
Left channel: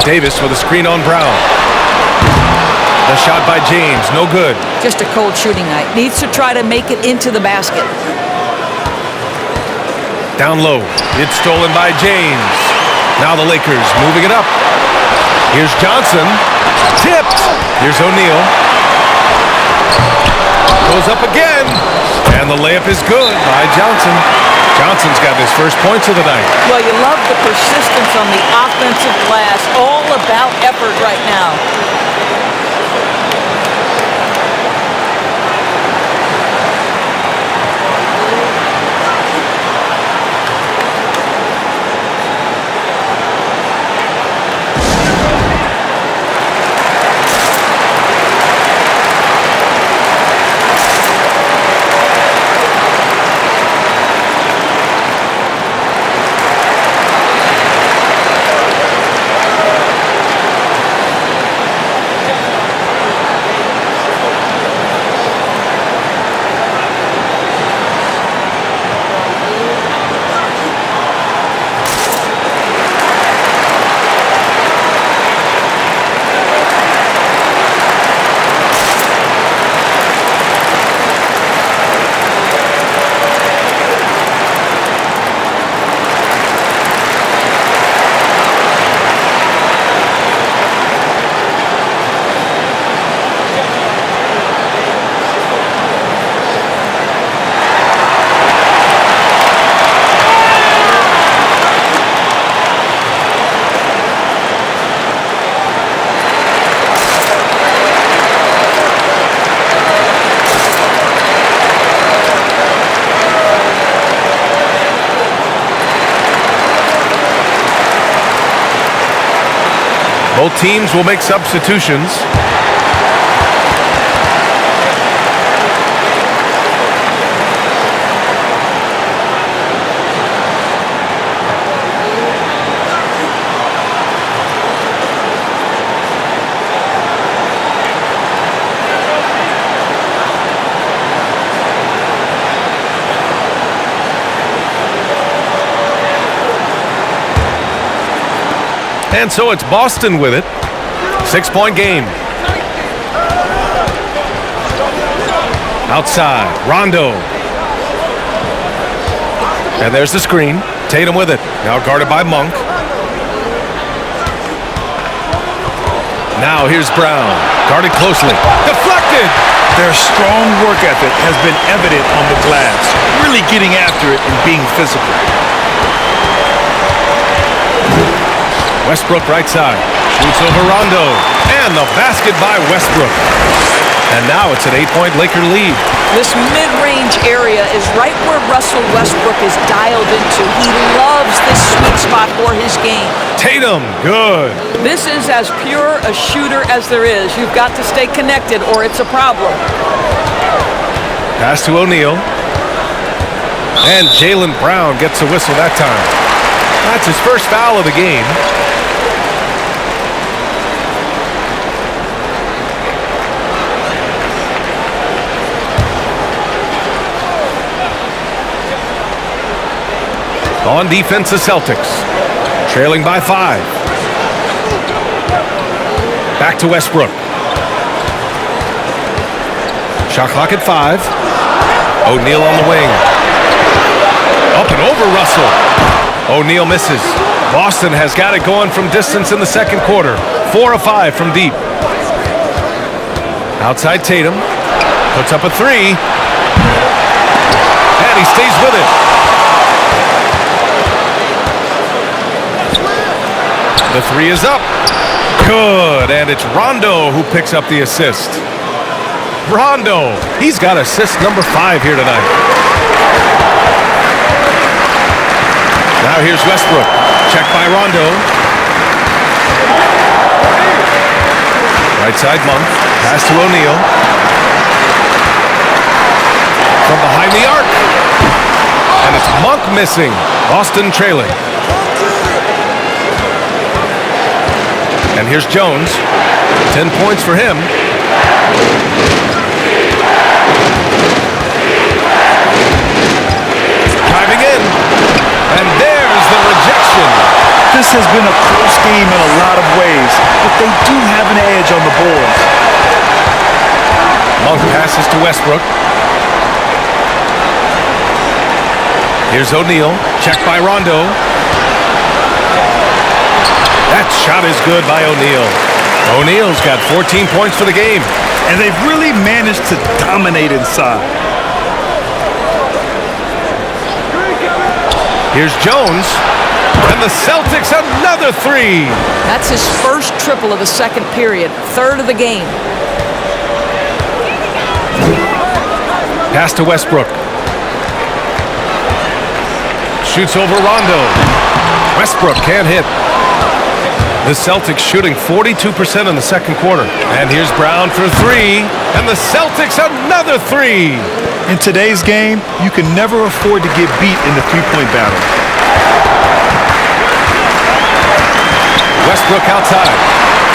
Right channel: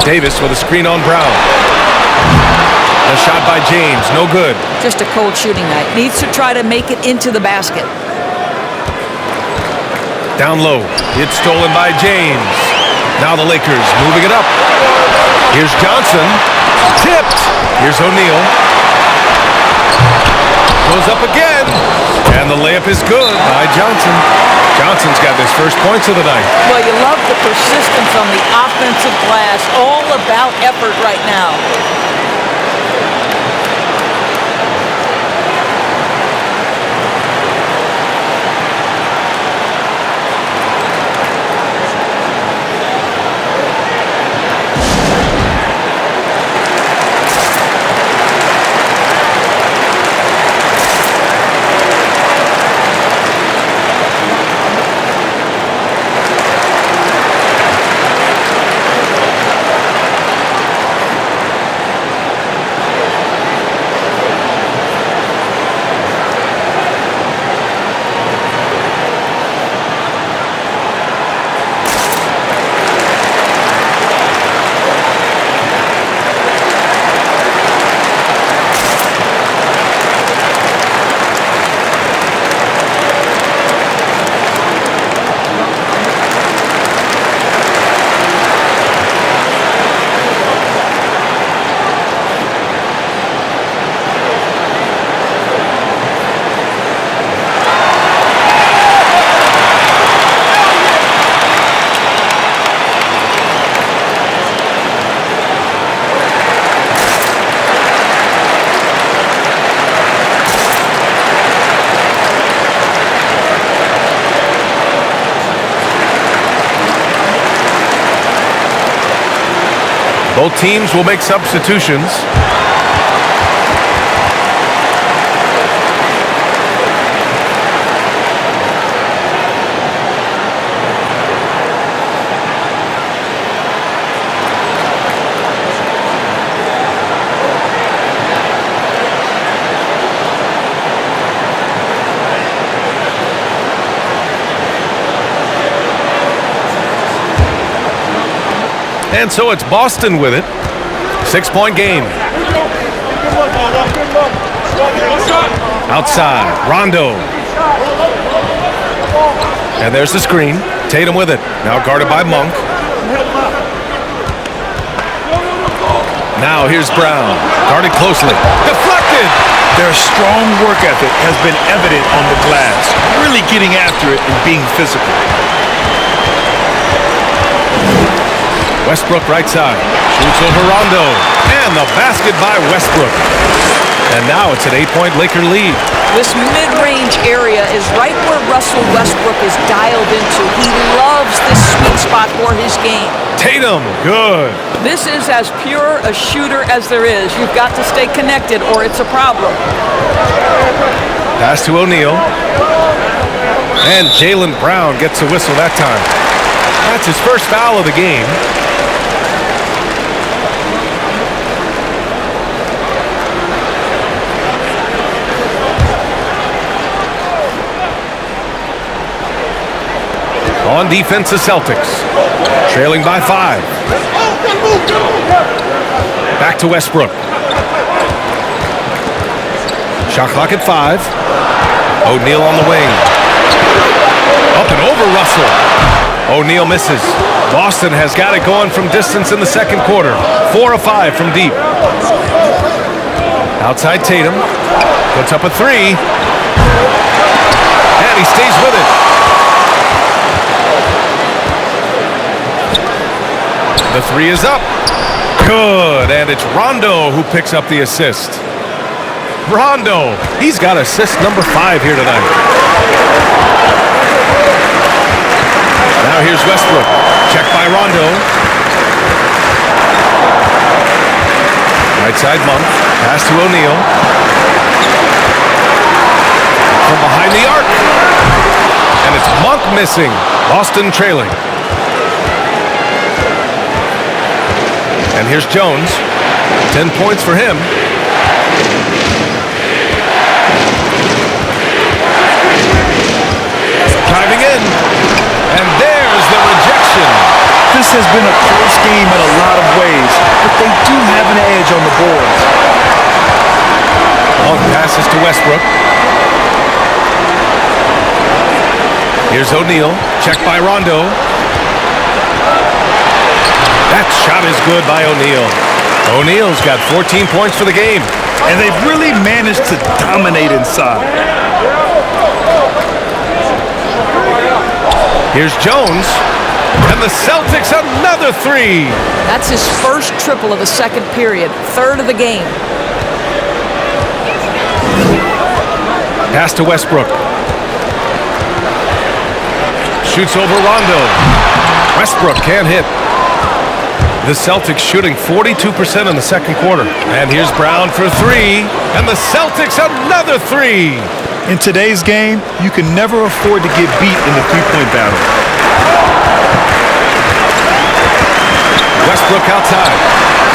Davis with a screen on Brown. The shot by James, no good. Just a cold shooting night. Needs to try to make it into the basket. Down low. It's stolen by James. Now the Lakers moving it up. Here's Johnson. Tipped. Here's O'Neal. Goes up again. And the layup is good by Johnson. Johnson's got his first points of the night. Well, you love the persistence on the offensive glass. All about effort right now. Both teams will make substitutions. And so it's Boston with it. 6-point game. Outside, Rondo. And there's the screen. Tatum with it. Now guarded by Monk. Now here's Brown. Guarded closely. Deflected! Their strong work ethic has been evident on the glass, really getting after it and being physical. Westbrook right side. Shoots over Rondo. And the basket by Westbrook. And now it's an 8-point Laker lead. This mid-range area is right where Russell Westbrook is dialed into. He loves this sweet spot for his game. Tatum, good. This is as pure a shooter as there is. You've got to stay connected or it's a problem. Pass to O'Neal. And Jaylen Brown gets a whistle that time. That's his first foul of the game. On defense, the Celtics. Trailing by 5. Back to Westbrook. Shot clock at 5. O'Neal on the wing. Up and over Russell. O'Neal misses. Boston has got it going from distance in the second quarter. 4 of 5 from deep. Outside Tatum. Puts up a 3. And he stays with it. The 3 is up. Good. And it's Rondo who picks up the assist. Rondo. He's got assist number 5 here tonight. Now here's Westbrook. Checked by Rondo. Right side Monk. Pass to O'Neal. From behind the arc. And it's Monk missing. Boston trailing. And here's Jones. 10 points for him. Driving in. And there's the rejection. This has been a close game in a lot of ways, but they do have an edge on the boards. Monk passes to Westbrook. Here's O'Neal. Checked by Rondo. That shot is good by O'Neal. O'Neal's got 14 points for the game. And they've really managed to dominate inside. Here's Jones. And the Celtics another 3. That's his first triple of the second period. Third of the game. Pass to Westbrook. Shoots over Rondo. Westbrook can't hit. The Celtics shooting 42% in the second quarter. And here's Brown for 3. And the Celtics another 3. In today's game, you can never afford to get beat in the three-point battle. Westbrook outside.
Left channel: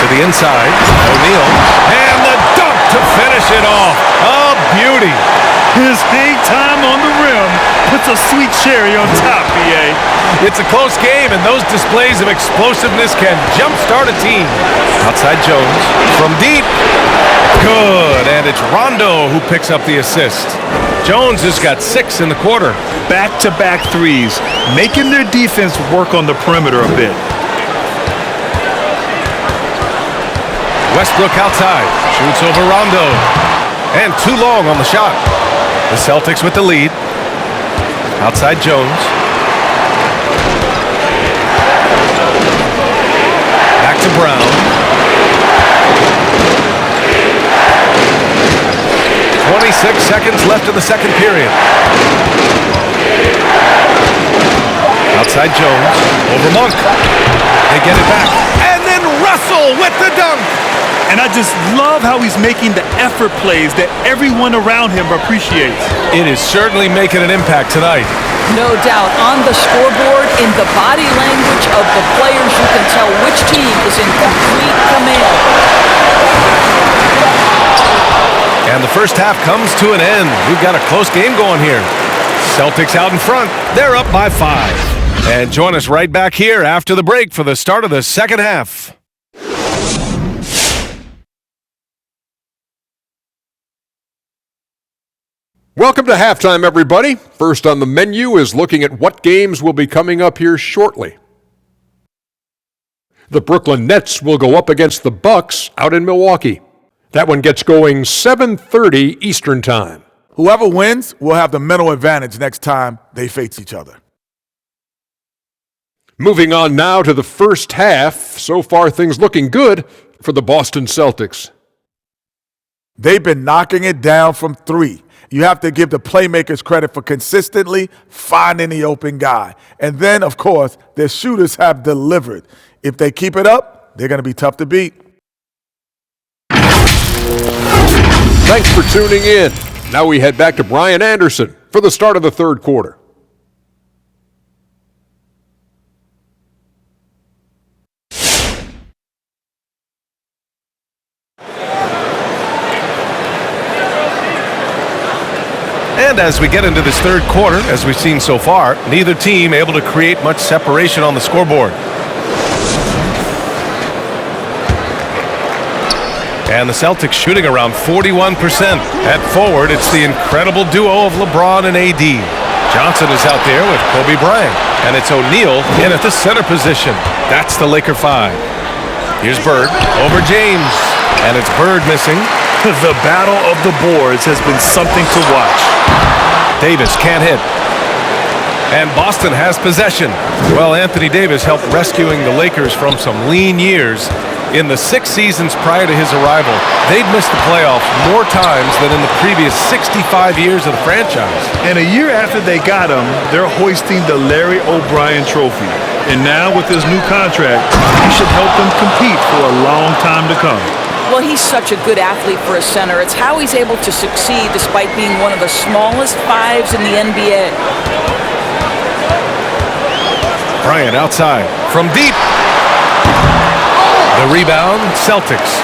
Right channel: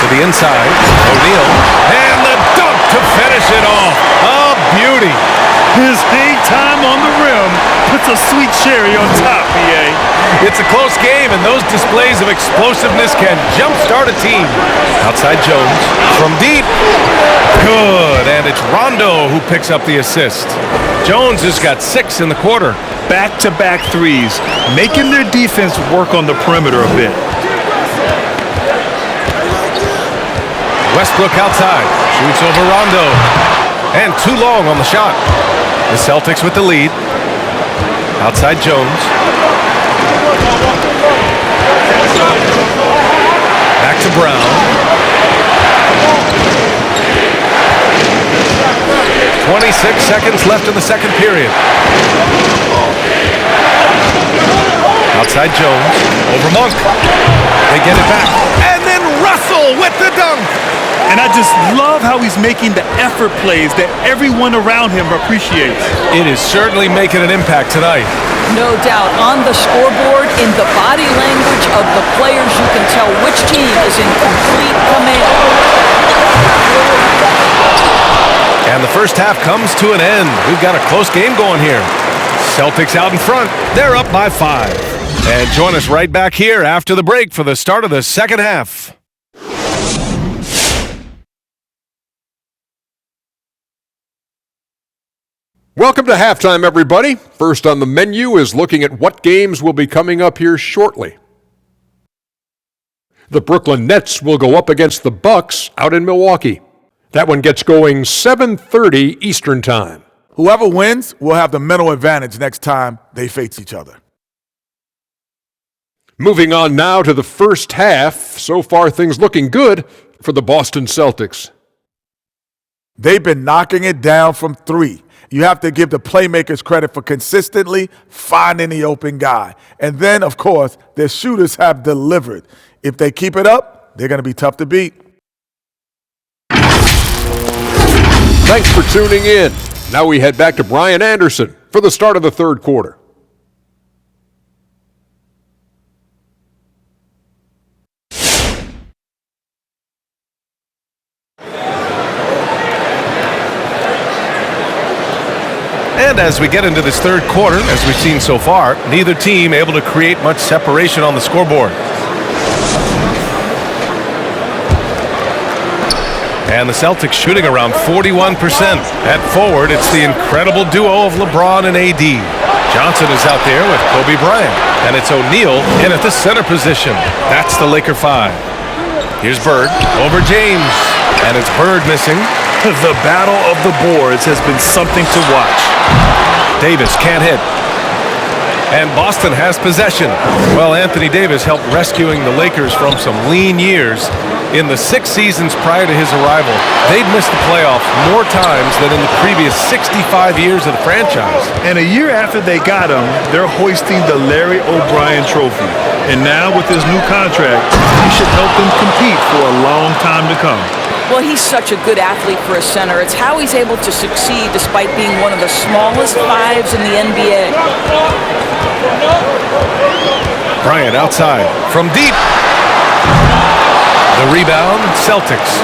To the inside. O'Neal. And the dunk to finish it off. A beauty. His hang time on the rim puts a sweet cherry on top, BA. It's a close game, and those displays of explosiveness can jumpstart a team. Outside Jones. From deep. Good. And it's Rondo who picks up the assist. Jones has got 6 in the quarter. Back-to-back threes, making their defense work on the perimeter a bit. Westbrook outside. Shoots over Rondo. And too long on the shot. The Celtics with the lead. Outside Jones. Back to Brown. 26 seconds left in the second period. Outside Jones. Over Monk. They get it back. And then Russell with the dunk. And I just love how he's making the effort plays that everyone around him appreciates. It is certainly making an impact tonight. No doubt. On the scoreboard, in the body language of the players, you can tell which team is in complete command. And the first half comes to an end. We've got a close game going here. Celtics out in front. They're up by 5. And join us right back here after the break for the start of the second half. Welcome to halftime, everybody. First on the menu is looking at what games will be coming up here shortly. The Brooklyn Nets will go up against the Bucks out in Milwaukee. That one gets going 7:30 Eastern Time. Whoever wins will have the mental advantage next time they face each other. Moving on now to the first half. So far, things looking good for the Boston Celtics. They've been knocking it down from three. You have to give the playmakers credit for consistently finding the open guy. And then, of course, their shooters have delivered. If they keep it up, they're going to be tough to beat. Thanks for tuning in. Now we head back to Brian Anderson for the start of the third quarter. And as we get into this third quarter, as we've seen so far, neither team able to create much separation on the scoreboard. And the Celtics shooting around 41%. At forward, it's the incredible duo of LeBron and AD. Johnson is out there with Kobe Bryant. And it's O'Neal in at the center position. That's the Laker 5. Here's Bird over James. And it's Bird missing. The battle of the boards has been something to watch. Davis can't hit. And Boston has possession. Well, Anthony Davis helped rescuing the Lakers from some lean years. In the 6 seasons prior to his arrival, they'd missed the playoffs more times than in the previous 65 years of the franchise. And a year after they got him, they're hoisting the Larry O'Brien Trophy. And now with his new contract, he should help them compete for a long time to come. Well, he's such a good athlete for a center. It's how he's able to succeed despite being one of the smallest fives in the NBA. Bryant outside from deep. The rebound, Celtics.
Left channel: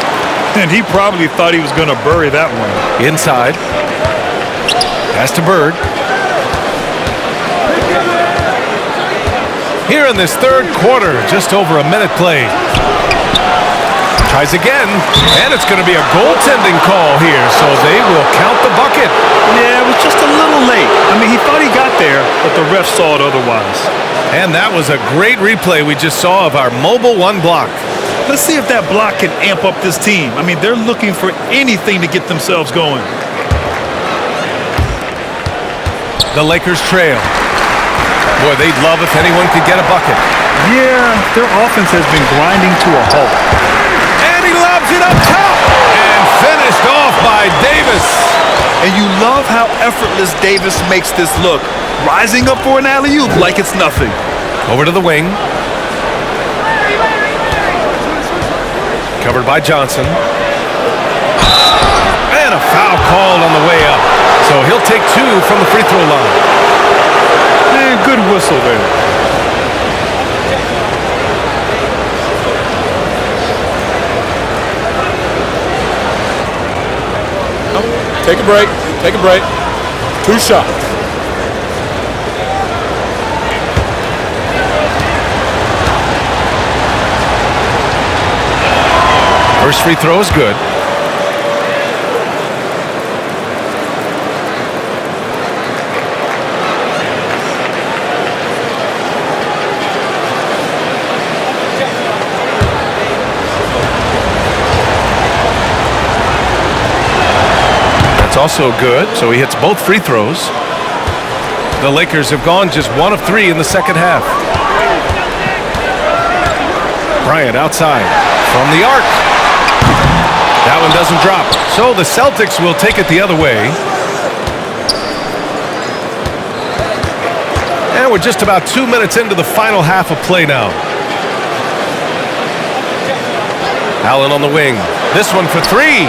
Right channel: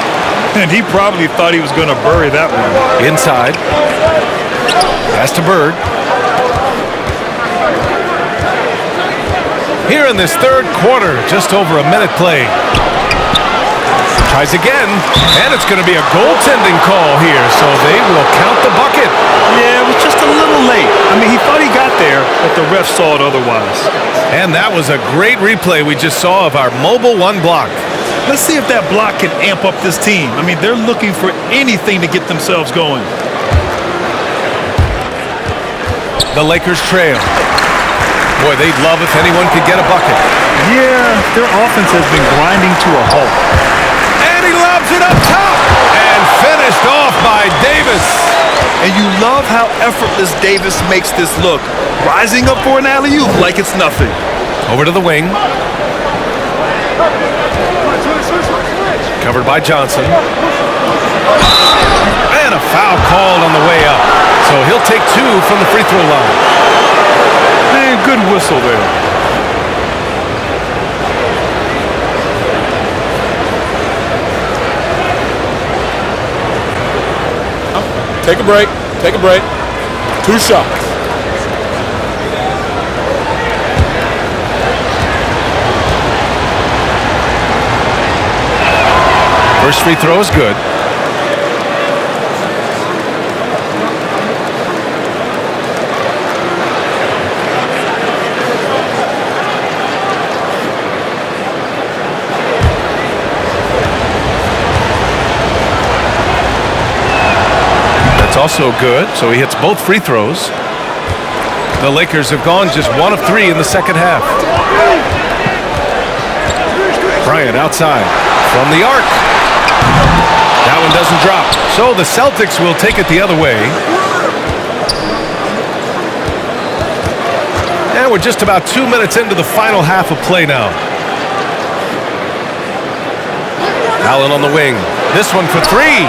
And he probably thought he was going to bury that one. Inside. Pass to Bird. Here in this third quarter, just over a minute played. Tries again, and it's going to be a goaltending call here, so they will count the bucket. Yeah, it was just a little late. I mean, he thought he got there, but the ref saw it otherwise. And that was a great replay we just saw of our mobile one block. Let's see if that block can amp up this team. I mean, they're looking for anything to get themselves going. The Lakers trail. Boy, they'd love if anyone could get a bucket. Yeah, their offense has been grinding to a halt. And he lobs it up top. And finished off by Davis. And you love how effortless Davis makes this look. Rising up for an alley-oop like it's nothing. Over to the wing. Covered by Johnson. And a foul called on the way up. So he'll take 2 from the free throw line. Man, good whistle there. Take a break. Take a break. 2 shots. First free throw is good. That's also good, so he hits both free throws. The Lakers have gone just 1 of 3 in the second half. Bryant outside from the arc. That one doesn't drop. So the Celtics will take it the other way. And we're just about 2 minutes into the final half of play now. Allen on the wing. This one for 3.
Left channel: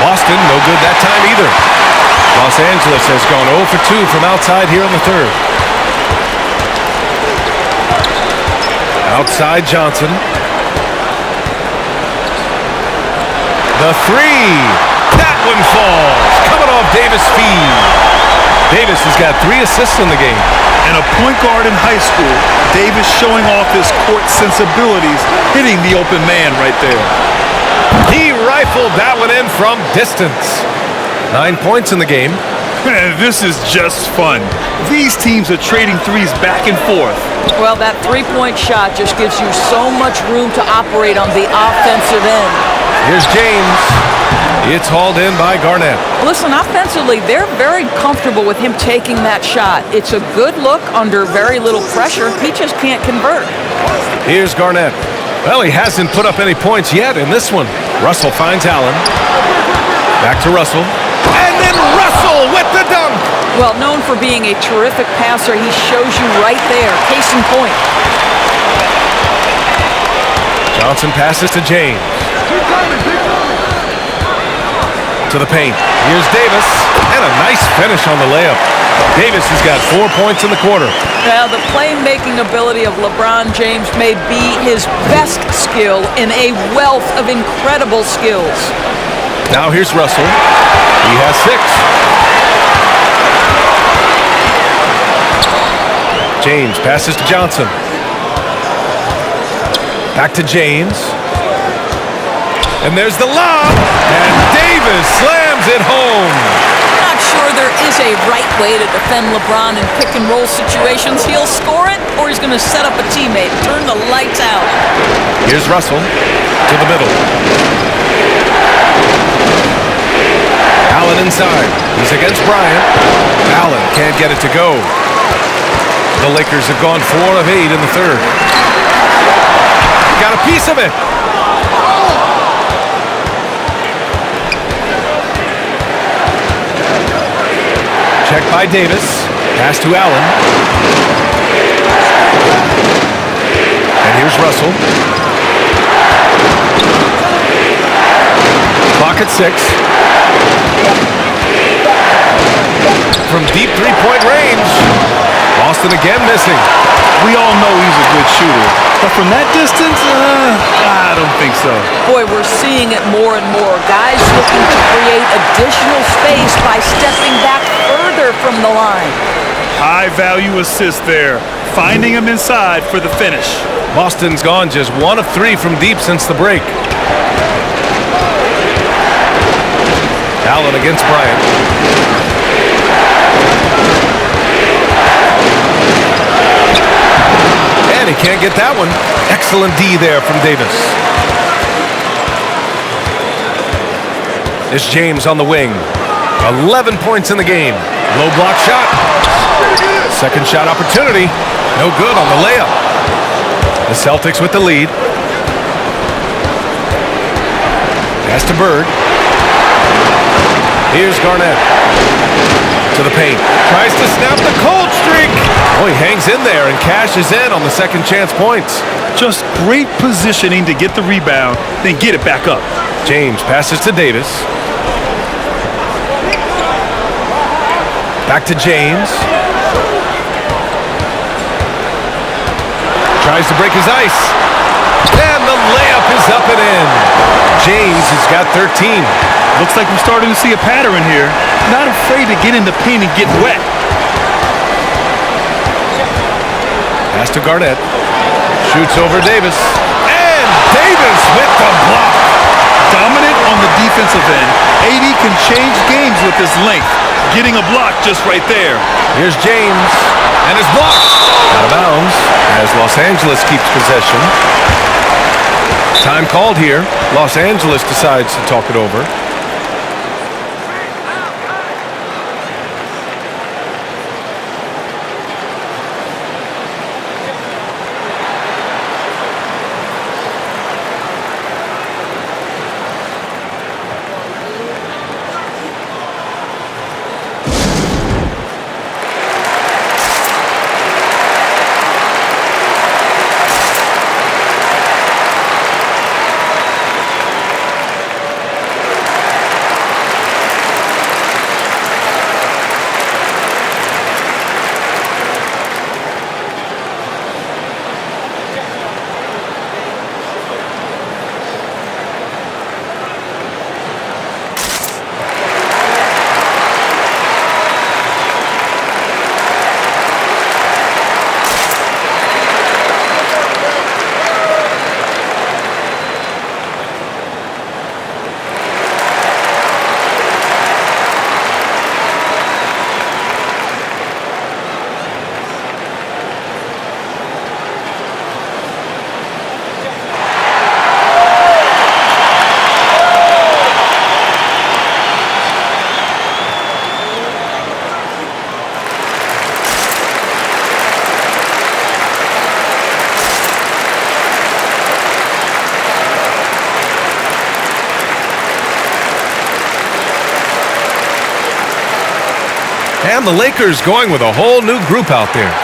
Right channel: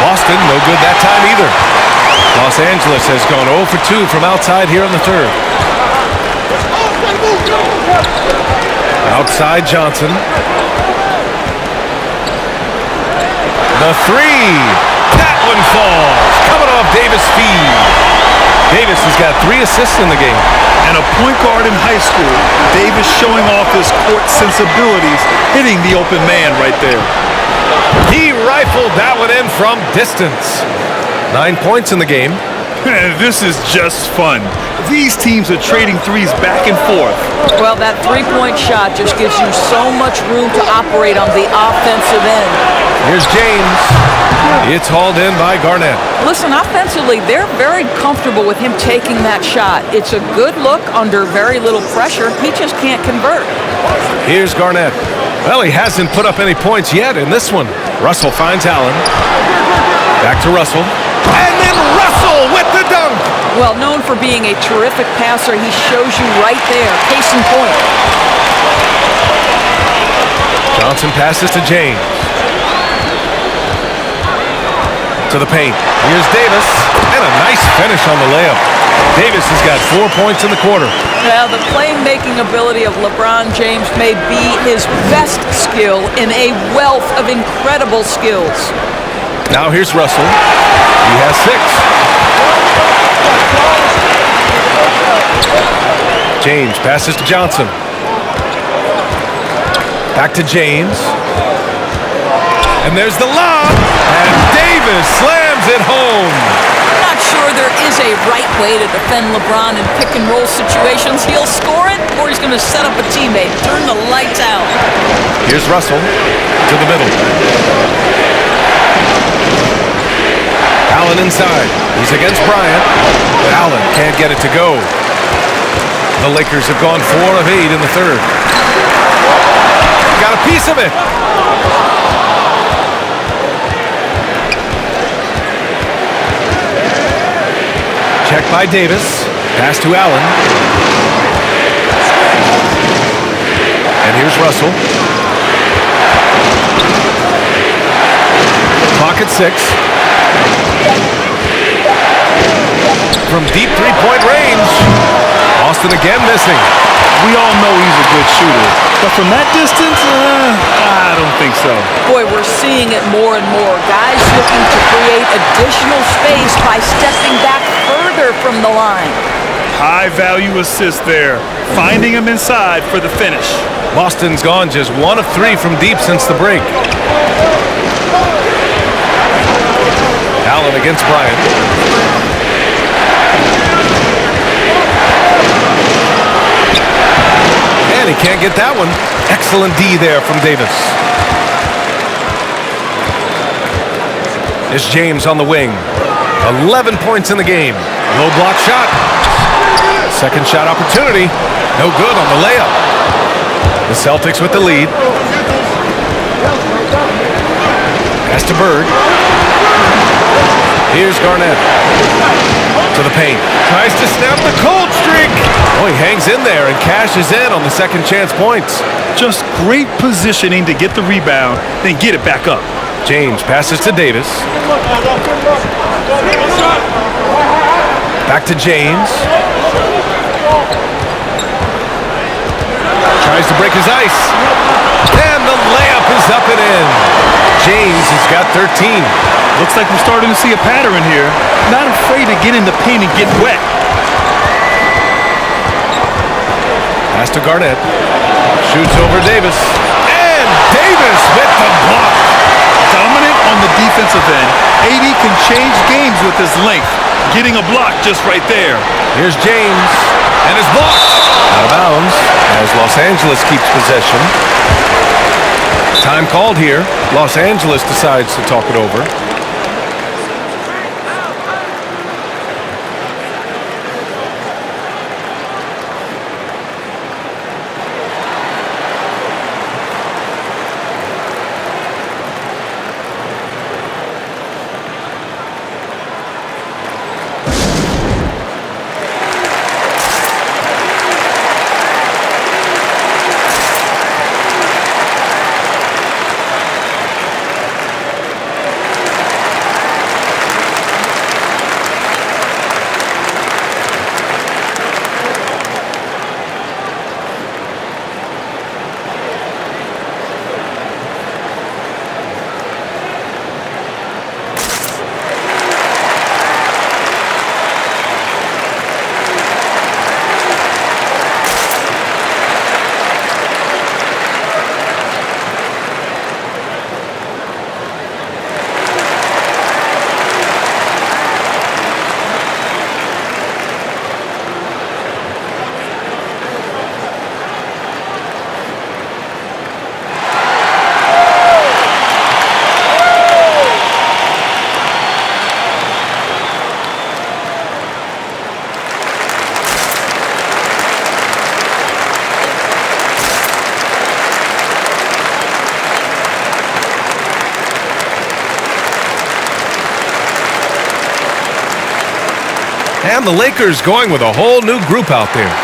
Boston, no good that time either. Los Angeles has gone 0 for 2 from outside here in the third. Outside Johnson. The 3. That one falls. Coming off Davis' feed. Davis has got 3 assists in the game. And a point guard in high school, Davis showing off his court sensibilities, hitting the open man right there. He rifled that one in from distance. 9 points in the game. This is just fun. These teams are trading threes back and forth. Well, that three-point shot just gives you so much room to operate on the offensive end. Here's James. It's hauled in by Garnett. Listen, offensively, they're very comfortable with him taking that shot. It's a good look under very little pressure. He just can't convert. Here's Garnett. Well, he hasn't put up any points yet in this one. Russell finds Allen. Back to Russell. And then Russell with the dunk. Well, known for being a terrific passer, he shows you right there. Case in point. Johnson passes to James. To the paint. Here's Davis. And a nice finish on the layup. Davis has got 4 points in the quarter. Well, the playmaking ability of LeBron James may be his best skill in a wealth of incredible skills. Now here's Russell. He has 6. James passes to Johnson. Back to James. And there's the lob. And Davis slams it home. I'm not sure there is a right way to defend LeBron in pick-and-roll situations. He'll score it, or he's going to set up a teammate. Turn the lights out. Here's Russell to the middle. Allen inside. He's against Bryant. Allen can't get it to go. The Lakers have gone 4 of 8 in the third. Got a piece of it. Check by Davis. Pass to Allen. And here's Russell. Clock at 6. From deep three-point range. Boston again missing. We all know he's a good shooter, but from that distance, I don't think so. Boy, we're seeing it more and more. Guys looking to create additional space by stepping back further from the line. High-value assist there, finding him inside for the finish. Boston's gone just 1 of 3 from deep since the break. Allen against Bryant. And he can't get that one. Excellent D there from Davis. It's James on the wing. 11 points in the game. Low block shot. Second shot opportunity. No good on the layup. The Celtics with the lead. Pass to Bird. Here's Garnett. To the paint. Tries to snap the cold streak. Oh, he hangs in there and cashes in on the second chance points. Just great positioning to get the rebound, then get it back up. James passes to Davis. Back to James. Tries to break his ice. And the layup is up and in. James has got 13. Looks like we're starting to see a pattern here. Not afraid to get in the paint and get wet. Pass to Garnett. Shoots over Davis. And Davis with the block. Dominant on the defensive end. AD can change games with his length. Getting a block just right there. Here's James. And it's blocked. Out of bounds as Los Angeles keeps possession. Time called here. Los Angeles decides to talk it over. And the Lakers going with a whole new group out there.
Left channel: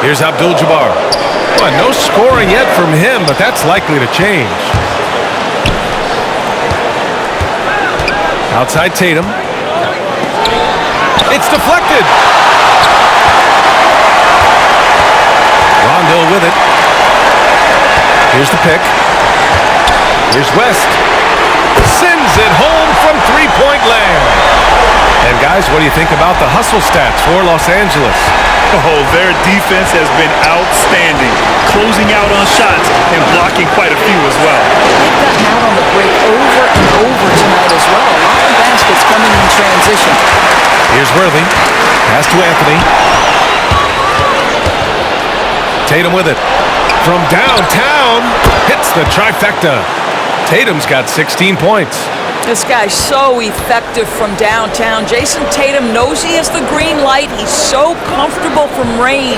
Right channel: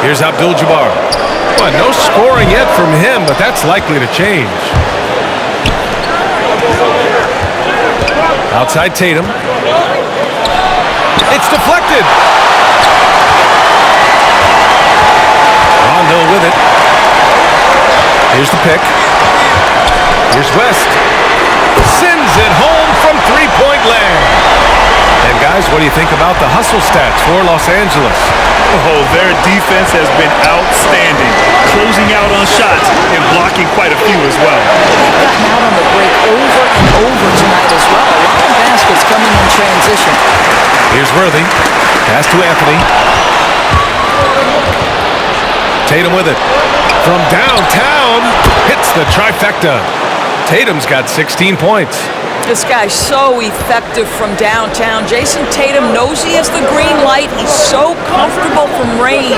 Here's Abdul-Jabbar. Well, no scoring yet from him, but that's likely to change. Outside Tatum. It's deflected. Rondo with it. Here's the pick. Here's West. Sends it home from three-point land. And guys, what do you think about the hustle stats for Los Angeles? Oh, their defense has been outstanding, closing out on shots and blocking quite a few as well. They've gotten out on the break over and over tonight as well. A lot of baskets coming in transition. Here's Worthy. Pass to Anthony. Tatum with it. From downtown, hits the trifecta. Tatum's got 16 points. This guy's so effective from downtown. Jason Tatum knows he has the green light. He's so comfortable from range.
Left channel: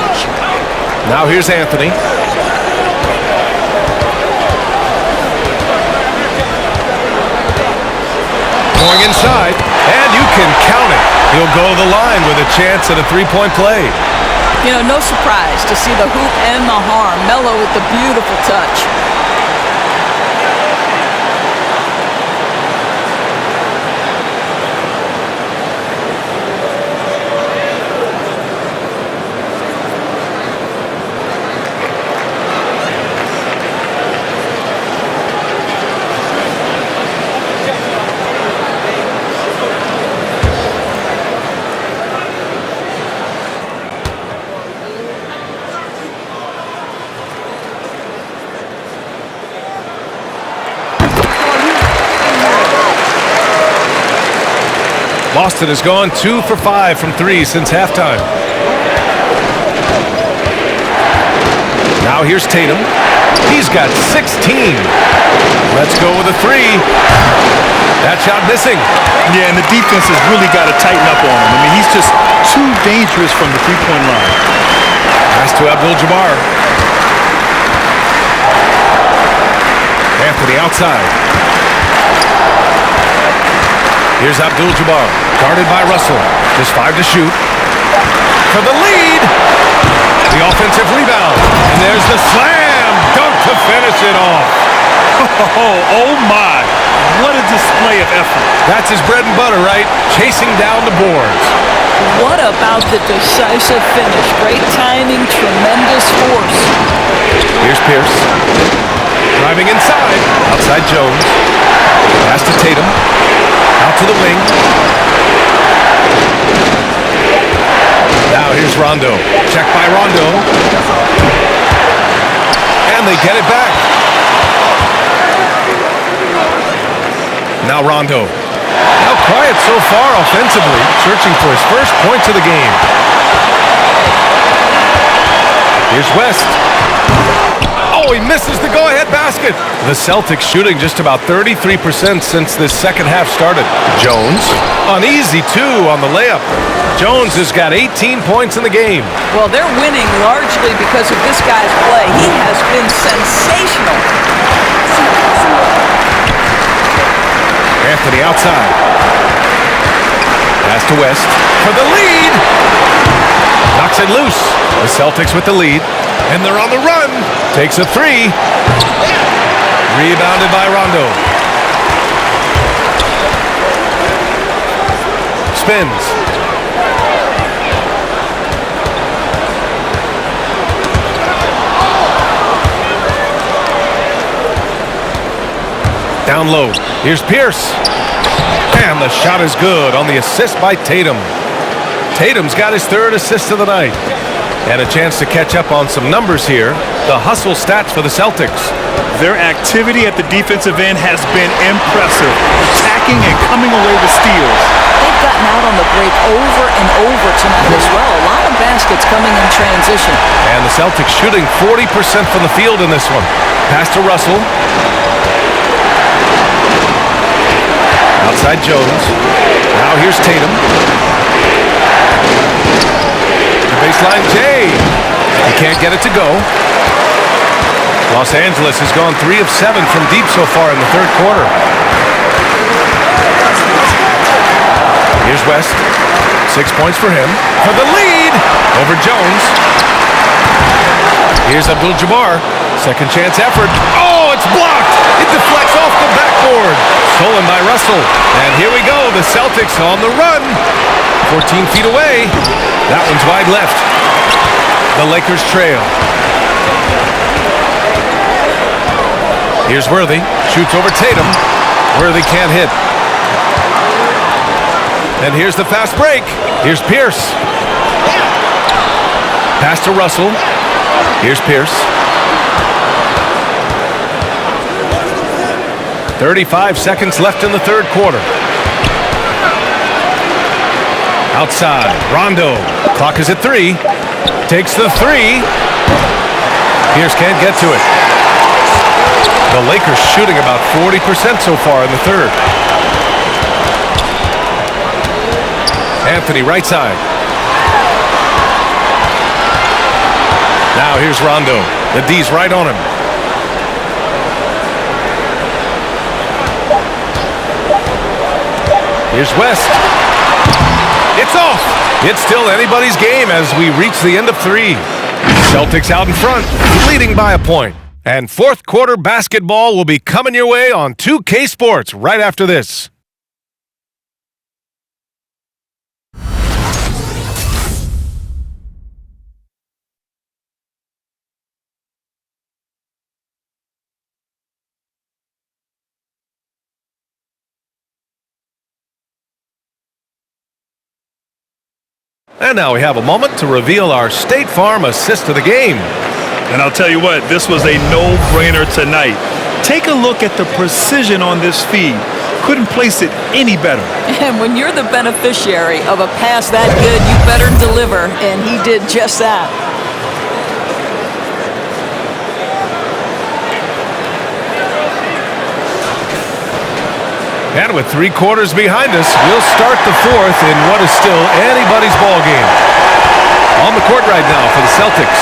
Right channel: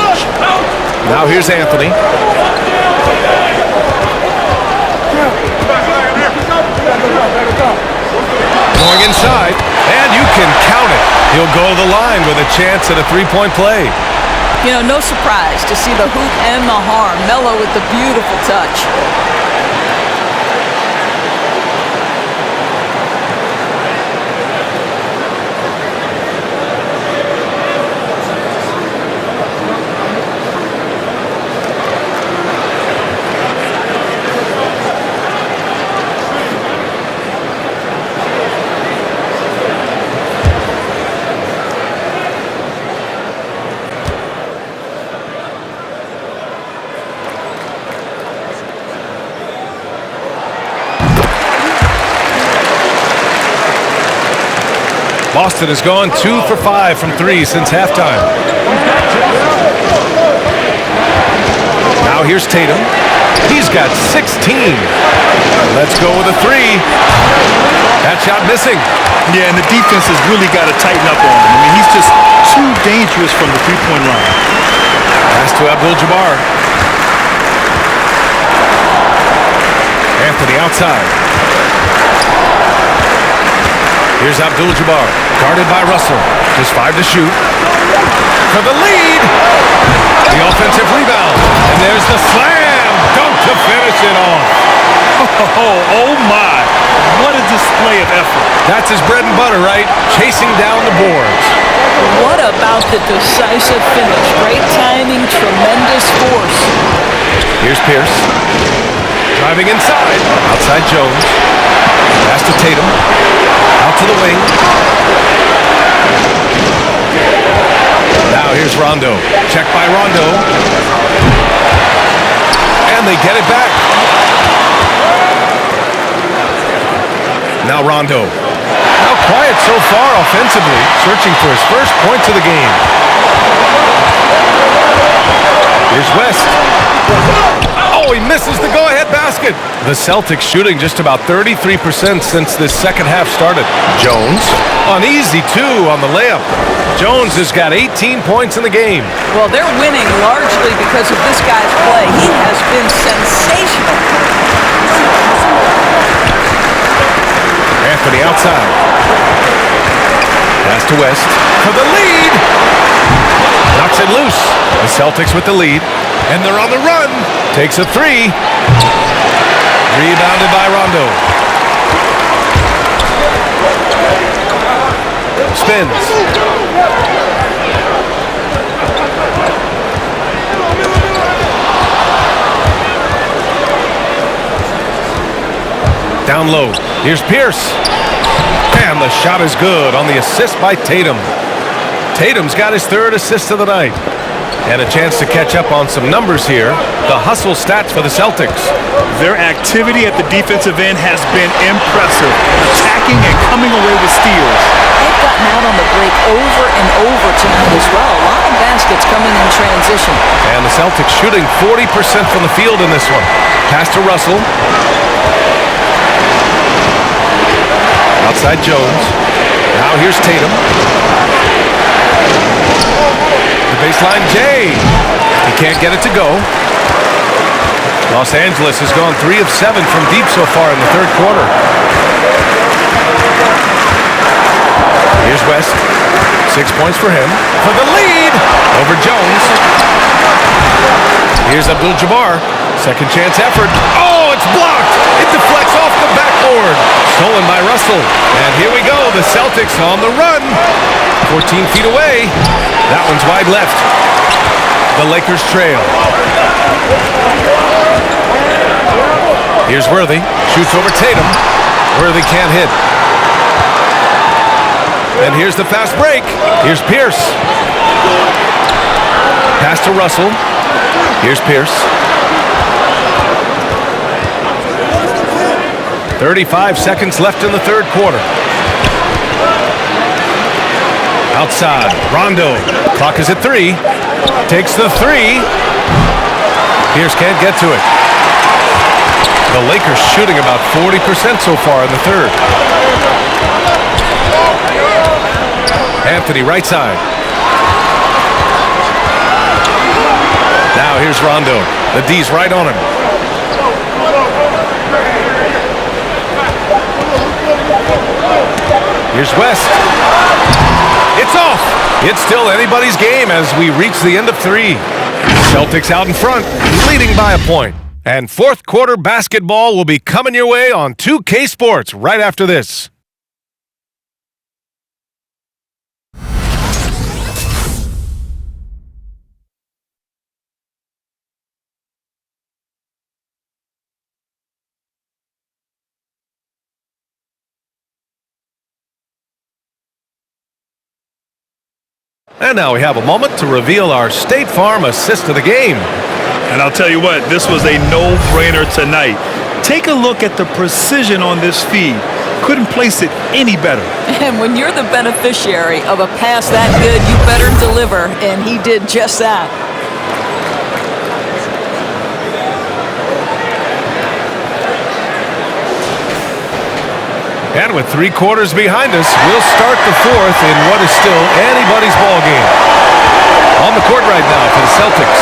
Now here's Anthony. Going inside, and you can count it. He'll go to the line with a chance at a three-point play. You know, no surprise to see the hoop and the harm. Melo with the beautiful touch. Boston has gone 2 for 5 from 3 since halftime. Now here's Tatum. He's got 16. Let's go with a 3. That shot missing. Yeah, and the defense has really got to tighten up on him. I mean, he's just too dangerous from the three-point line. Pass to Abdul-Jabbar. Anthony outside. Here's Abdul-Jabbar, guarded by Russell. Just 5 to shoot. For the lead. The offensive rebound. And there's the slam dunk to finish it off. Oh my. What a display of effort. That's his bread and butter, right? Chasing down the boards. What about the decisive finish? Great timing, tremendous force. Here's Pierce. Driving inside. Outside Jones. Pass to Tatum. Out to the wing. Now here's Rondo. Check by Rondo. And they get it back. Now Rondo. Now quiet so far offensively, searching for his first points of the game. Here's West. Oh, he misses the go-ahead basket. The Celtics shooting just about 33% since this second half started. Jones, an easy 2 on the layup. Jones has got 18 points in the game. Well, they're winning largely because of this guy's play. He has been sensational. Anthony outside. Pass to West for the lead. Knocks it loose. The Celtics with the lead. And they're on the run. Takes a 3. Rebounded by Rondo. Spins. Down low. Here's Pierce. And the shot is good on the assist by Tatum. Tatum's got his 3rd assist of the night. And a chance to catch up on some numbers here. The hustle stats for the Celtics. Their activity at the defensive end has been impressive, attacking and coming away with steals. They've gotten out on the break over and over tonight as well. A lot of baskets coming in transition. And the Celtics shooting 40% from the field in this one. Pass to Russell. Outside Jones. Now here's Tatum. The baseline Jay. He can't get it to go. Los Angeles has gone 3 of 7 from deep so far in the third quarter. Here's West. 6 points for him. For the lead over Jones. Here's Abdul-Jabbar. Second chance effort. Oh, it's blocked. It deflects off the backboard. Stolen by Russell. And here we go. The Celtics on the run. 14 feet away. That one's wide left. The Lakers trail. Here's Worthy. Shoots over Tatum. Worthy can't hit. And here's the fast break. Here's Pierce. Pass to Russell. Here's Pierce. 35 seconds left in the third quarter. Outside, Rondo. Clock is at 3. Takes the 3. Pierce can't get to it. The Lakers shooting about 40% so far in the third. Anthony, right side. Now here's Rondo. The D's right on him. Here's West. It's off. It's still anybody's game as we reach the end of 3. Celtics out in front, leading by a point. And fourth quarter basketball will be coming your way on 2K Sports right after this. And now we have a moment to reveal our State Farm assist of the game. And I'll tell you what, this was a no-brainer tonight. Take a look at the precision on this feed. Couldn't place it any better. And when you're the beneficiary of a pass that good, you better deliver, and he did just that. And with 3 quarters behind us, we'll start the fourth in what is still anybody's ball game. On the court right now for the Celtics.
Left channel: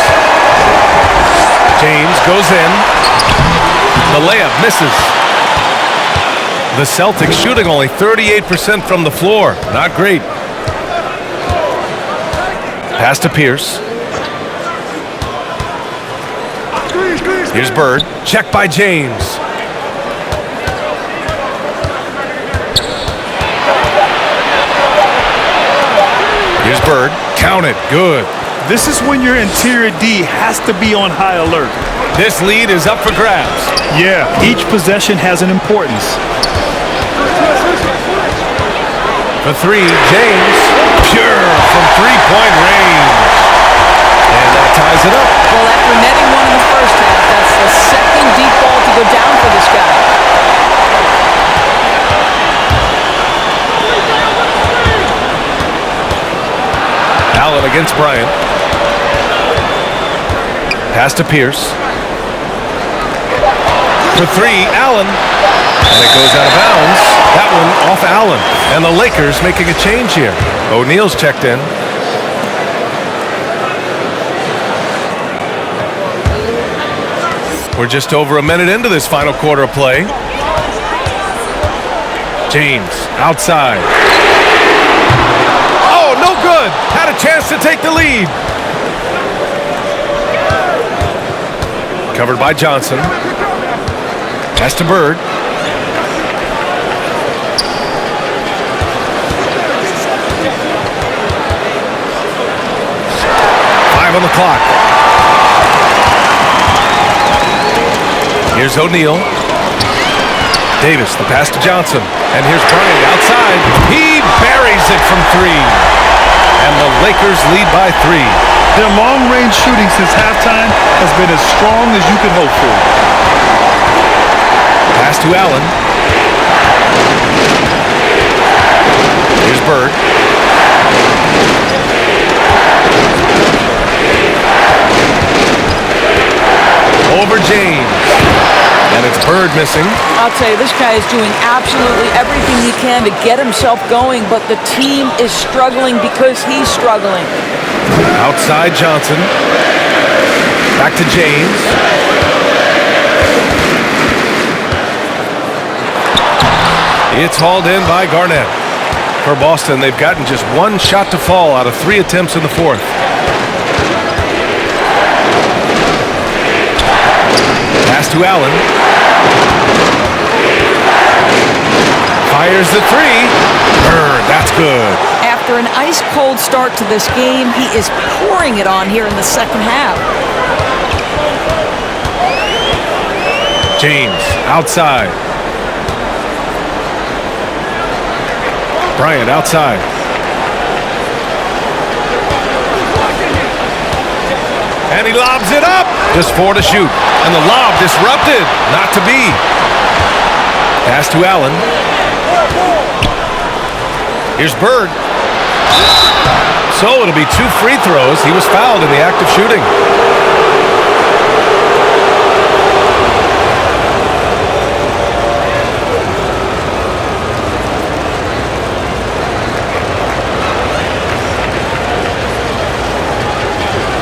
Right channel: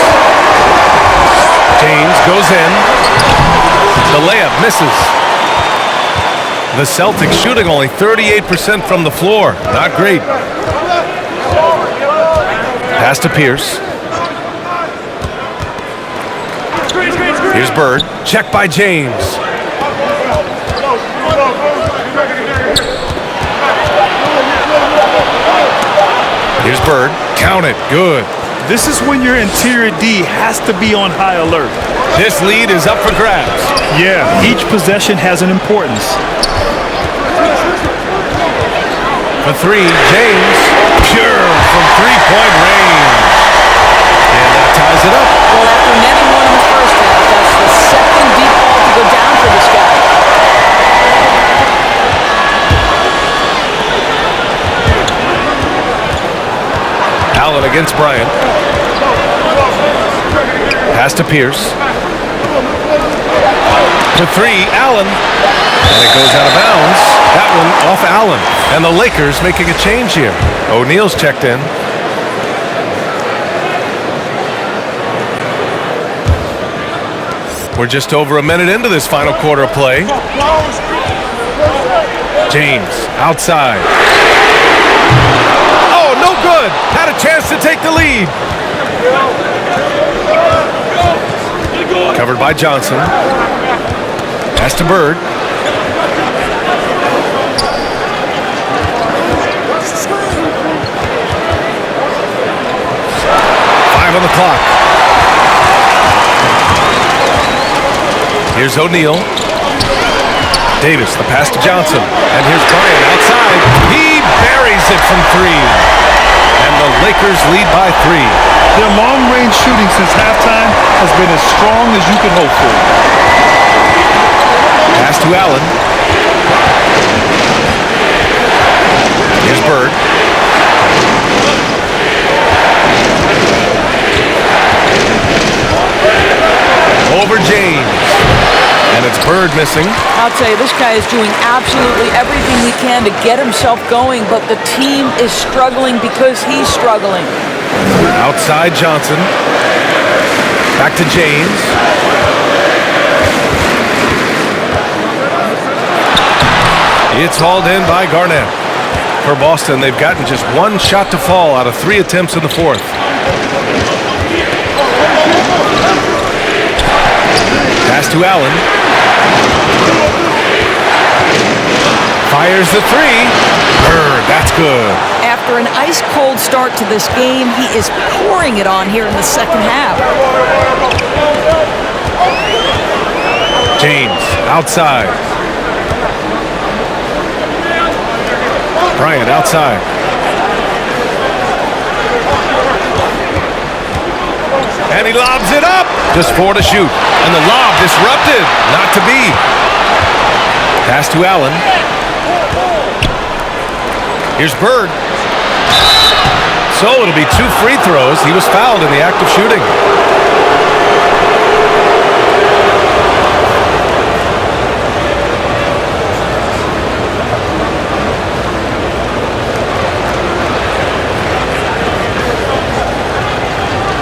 James goes in. The layup misses. The Celtics shooting only 38% from the floor. Not great. Pass to Pierce. Here's Bird. Check by James. Here's Bird. Count it. Good. This is when your interior D has to be on high alert. This lead is up for grabs. Yeah, each possession has an importance. For 3, James. Pure from three-point range. And that ties it up. Well, after netting one in the first half, that's the second deep ball to go down for this guy. Allen against Bryant. Pass to Pierce. For 3, Allen. And it goes out of bounds. That one off Allen. And the Lakers making a change here. O'Neal's checked in. We're just over a minute into this final quarter of play. James outside. Oh, no good. Had a chance to take the lead. Covered by Johnson. Pass to Bird. Five on the clock. Here's O'Neal. Davis, the pass to Johnson. And here's Bryant outside. He buries it from 3. And the Lakers lead by 3. Their long-range shooting since halftime has been as strong as you could hope for. Pass to Allen. Here's Bird. Over James. And it's Bird missing. I'll tell you, this guy is doing absolutely everything he can to get himself going, but the team is struggling because he's struggling. Outside Johnson. Back to James. It's hauled in by Garnett. For Boston, they've gotten just one shot to fall out of 3 attempts in the fourth. Pass to Allen. Fires the 3. Bird, that's good. After an ice-cold start to this game, he is pouring it on here in the second half. James, outside. Bryant, outside. And he lobs it up. Just 4 to shoot. And the lob disrupted. Not to be. Pass to Allen. Here's Bird. So it'll be 2 free throws. He was fouled in the act of shooting.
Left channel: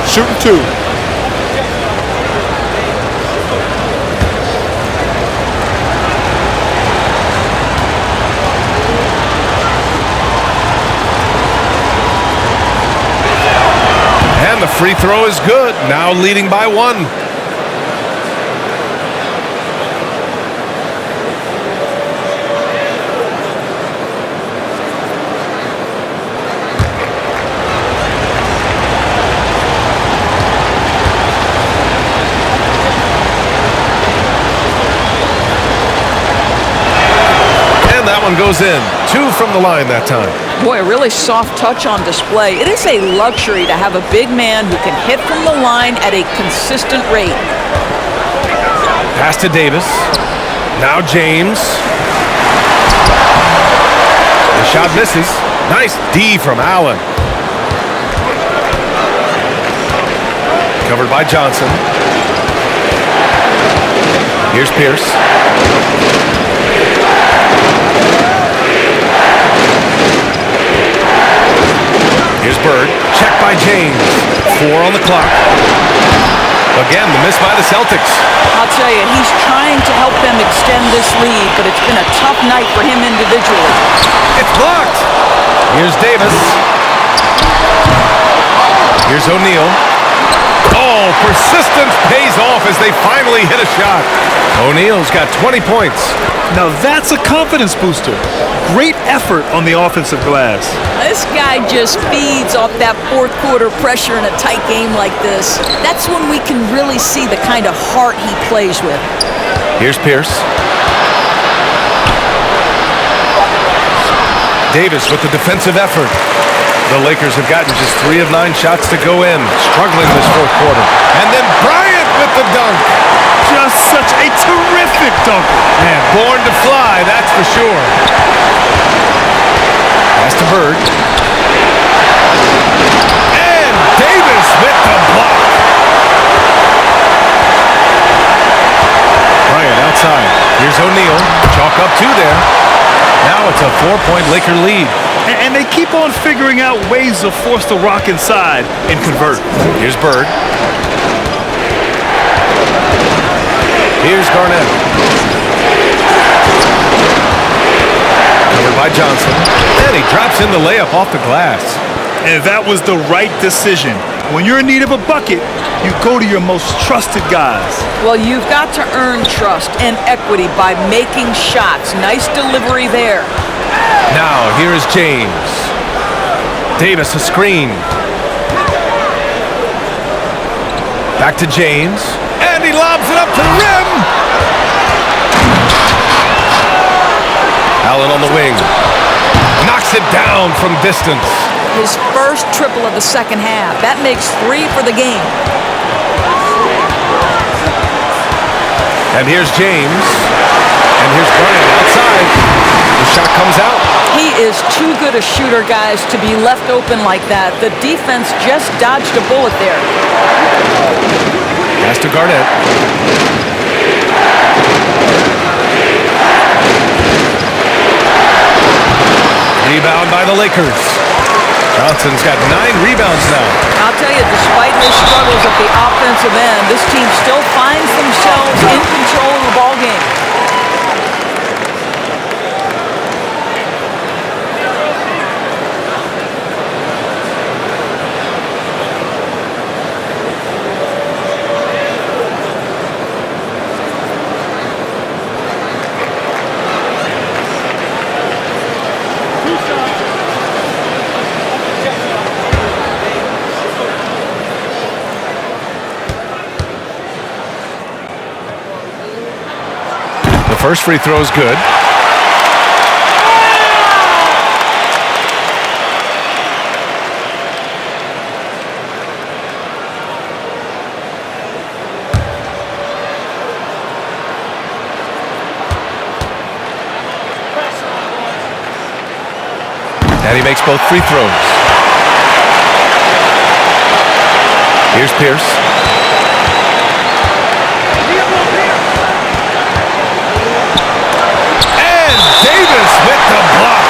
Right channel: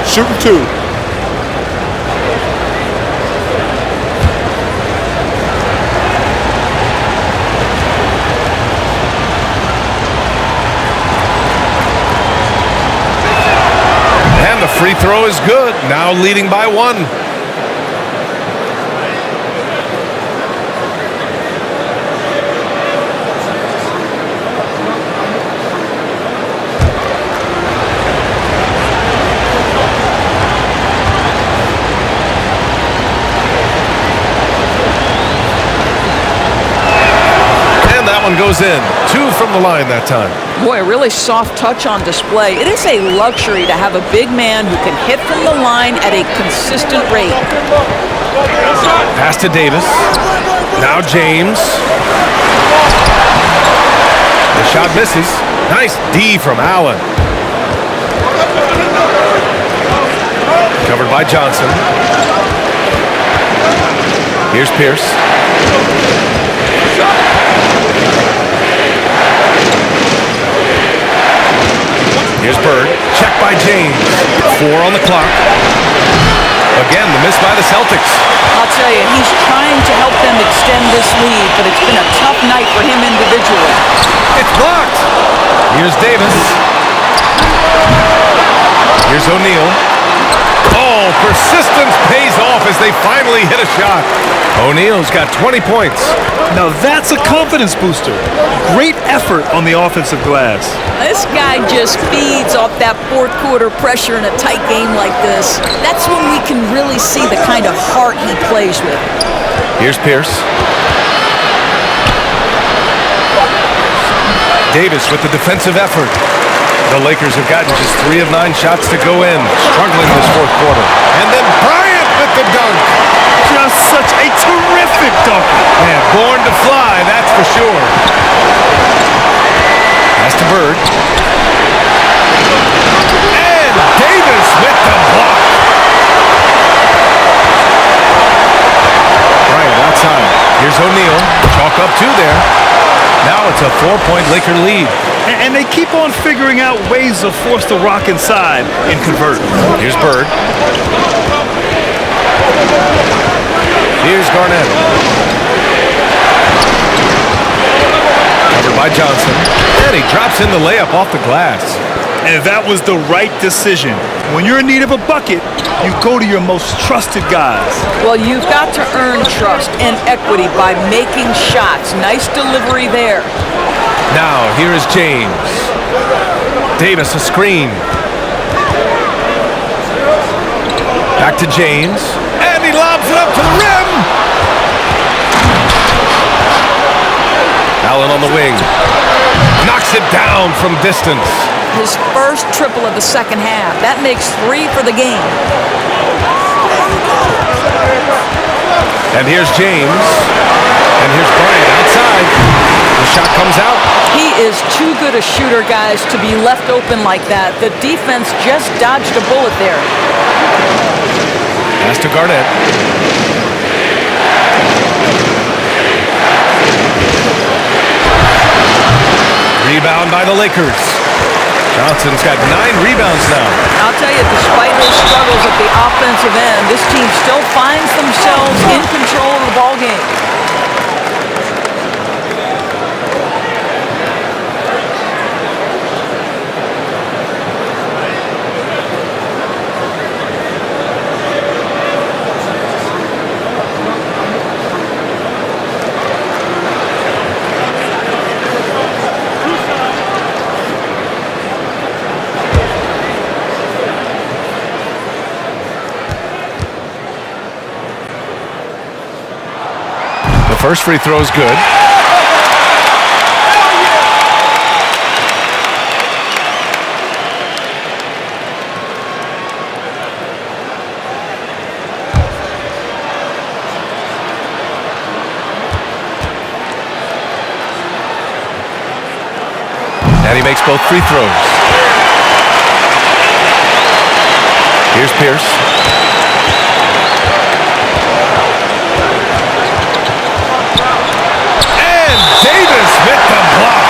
Shooting 2. And the free throw is good. Now leading by 1. And that one goes in. 2 from the line that time. Boy, a really soft touch on display. It is a luxury to have a big man who can hit from the line at a consistent rate. Pass to Davis. Now James. The shot misses. Nice D from Allen. Covered by Johnson. Here's Pierce. Here's Bird. Checked by James. 4 on the clock. Again, the miss by the Celtics. I'll tell you, he's trying to help them extend this lead, but it's been a tough night for him individually. It's blocked. Here's Davis. Here's O'Neal. Oh, persistence pays off as they finally hit a shot. O'Neal's got 20 points. Now that's a confidence booster. Great effort on the offensive glass. This guy just feeds off that fourth quarter pressure in a tight game like this. That's when we can really see the kind of heart he plays with. Here's Pierce. Davis with the defensive effort. The Lakers have gotten just 3 of 9 shots to go in, struggling this fourth quarter. And then Bryant with the dunk. Just such a terrific dunker. Man, born to fly, that's for sure. Pass to Bird. And Davis with the block. Bryant outside. Here's O'Neal. Chalk up 2 there. Now it's a 4-point Laker lead. And they keep on figuring out ways to force the rock inside and convert. Here's Bird. Here's Garnett. Covered by Johnson. And he drops in the layup off the glass. And that was the right decision. When you're in need of a bucket, you go to your most trusted guys. Well, you've got to earn trust and equity by making shots. Nice delivery there. Now, here is James. Davis, a screen. Back to James. And he lobs it up to the rim. Allen on the wing. Knocks it down from distance. his first triple of the second half. That makes 3 for the game. And here's James. And here's Bryant outside. The shot comes out. He is too good a shooter, guys, to be left open like that. The defense just dodged a bullet there. Pass to Garnett. Rebound by the Lakers. Johnson's got 9 rebounds now. I'll tell you, despite his struggles at the offensive end, this team still finds themselves in control of the ball game. The first free throw is good. And he makes both free throws. Here's Pierce. Davis with the block.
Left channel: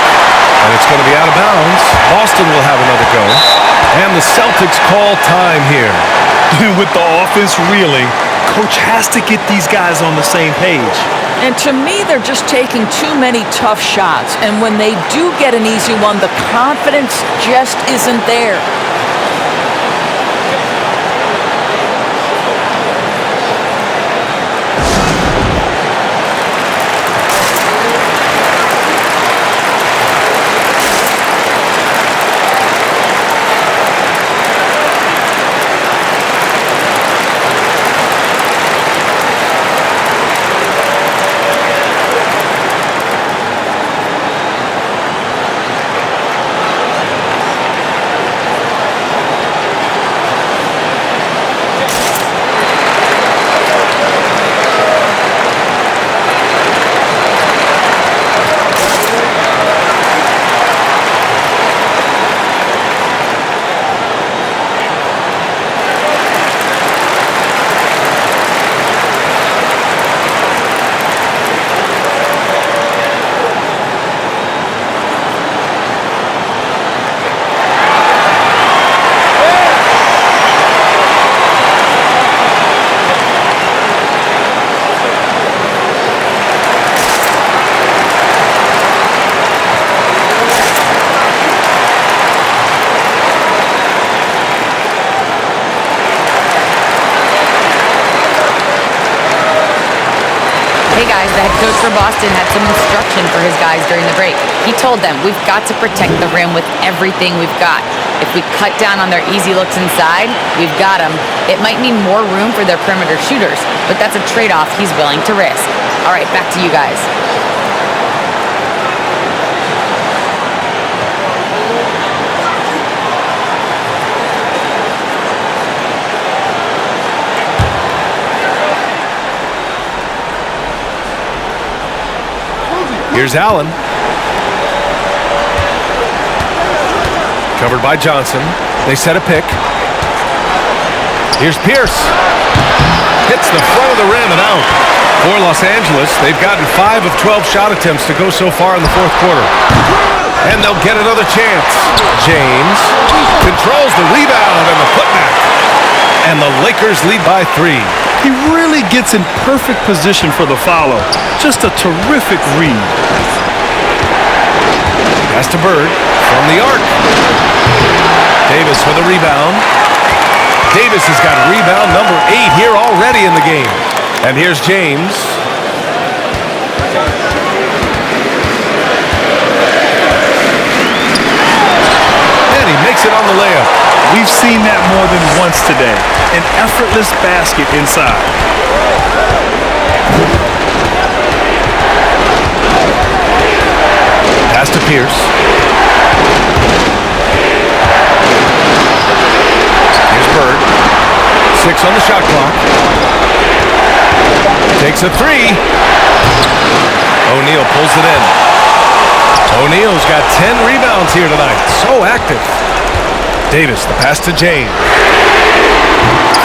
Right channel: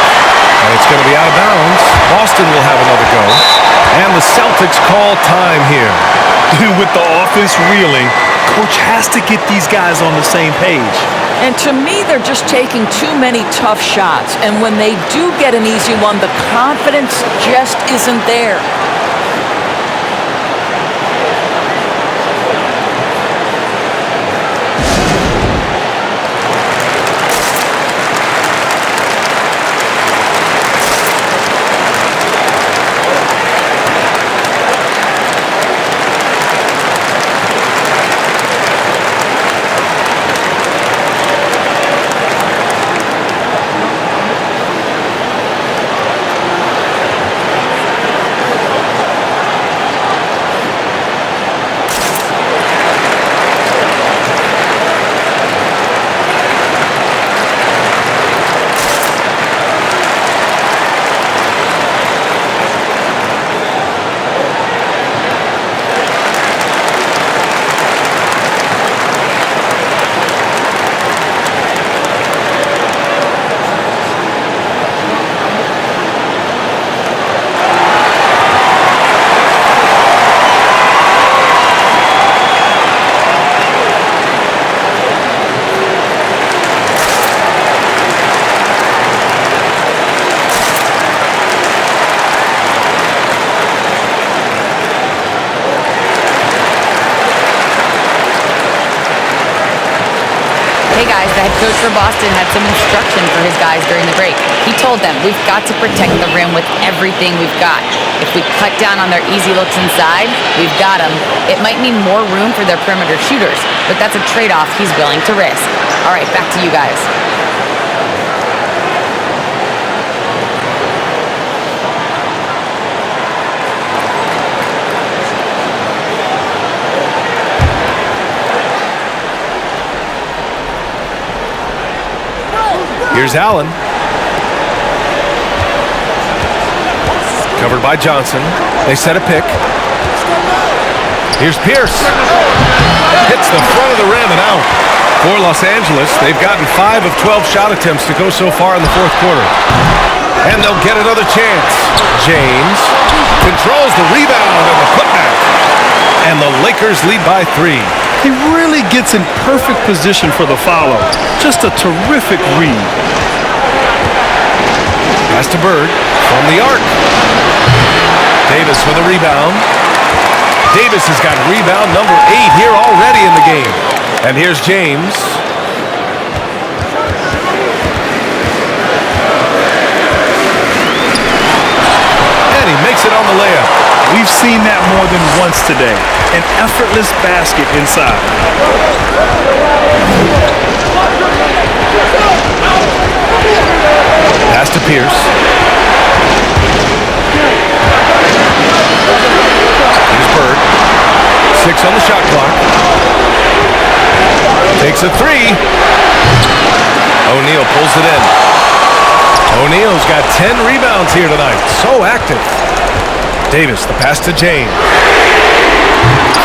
And it's going to be out of bounds. Boston will have another go. And the Celtics call time here. With the offense reeling, coach has to get these guys on the same page. And to me, they're just taking too many tough shots. And when they do get an easy one, the confidence just isn't there. Hey guys, the head coach for Boston had some instruction for his guys during the break. He told them, we've got to protect the rim with everything we've got. If we cut down on their easy looks inside, we've got them. It might mean more room for their perimeter shooters, but that's a trade-off he's willing to risk. All right, back to you guys. Here's Allen. Covered by Johnson. They set a pick. Here's Pierce. Hits the front of the rim and out. For Los Angeles, they've gotten 5 of 12 shot attempts to go so far in the fourth quarter. And they'll get another chance. James controls the rebound and the putback. And the Lakers lead by 3. He really gets in perfect position for the follow. Just a terrific read. Pass to Bird from the arc. Davis for the rebound. Davis has got rebound number 8 here already in the game. And here's James. And he makes it on the layup. We've seen that more than once today. An effortless basket inside. Pass to Pierce. 6 on the shot clock. Takes a 3. O'Neal pulls it in. O'Neal's got 10 rebounds here tonight. So active. Davis, the pass to James.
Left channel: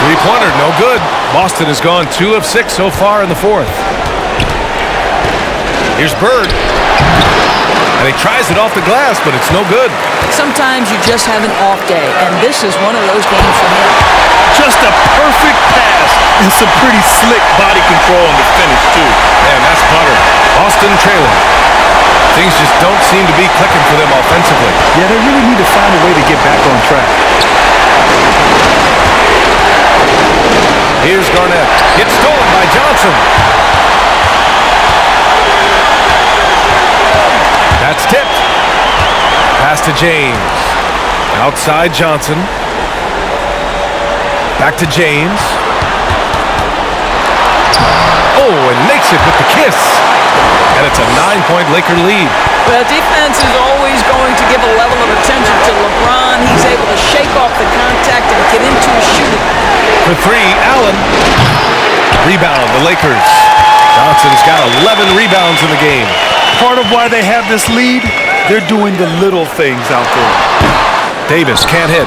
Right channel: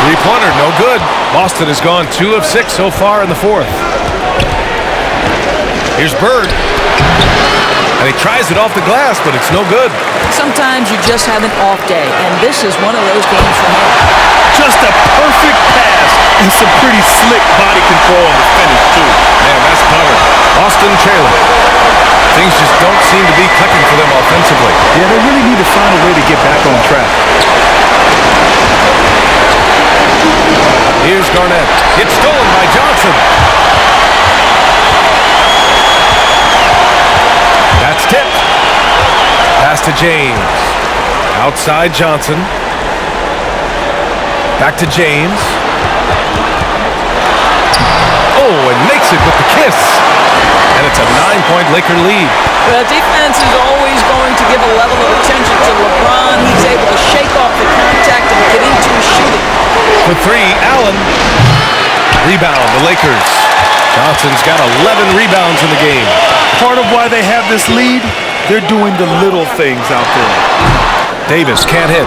Three-pointer, no good. Boston has gone 2 of 6 so far in the fourth. Here's Bird. And he tries it off the glass, but it's no good. Sometimes you just have an off day, and this is one of those games for him. Just a perfect pass and some pretty slick body control on the finish, too. Man, that's butter. Boston trailing. Things just don't seem to be clicking for them offensively. Yeah, they really need to find a way to get back on track. Here's Garnett. It's stolen by Johnson. That's tipped. Pass to James. Outside Johnson. Back to James. Oh, and makes it with the kiss. And it's a 9-point Laker lead. Well, defense is always going to give a level of attention to LeBron. He's able to shake off the contact and get into his shooting. For 3, Allen. Rebound, the Lakers. Johnson's got 11 rebounds in the game. Part of why they have this lead, they're doing the little things out there. Davis can't hit.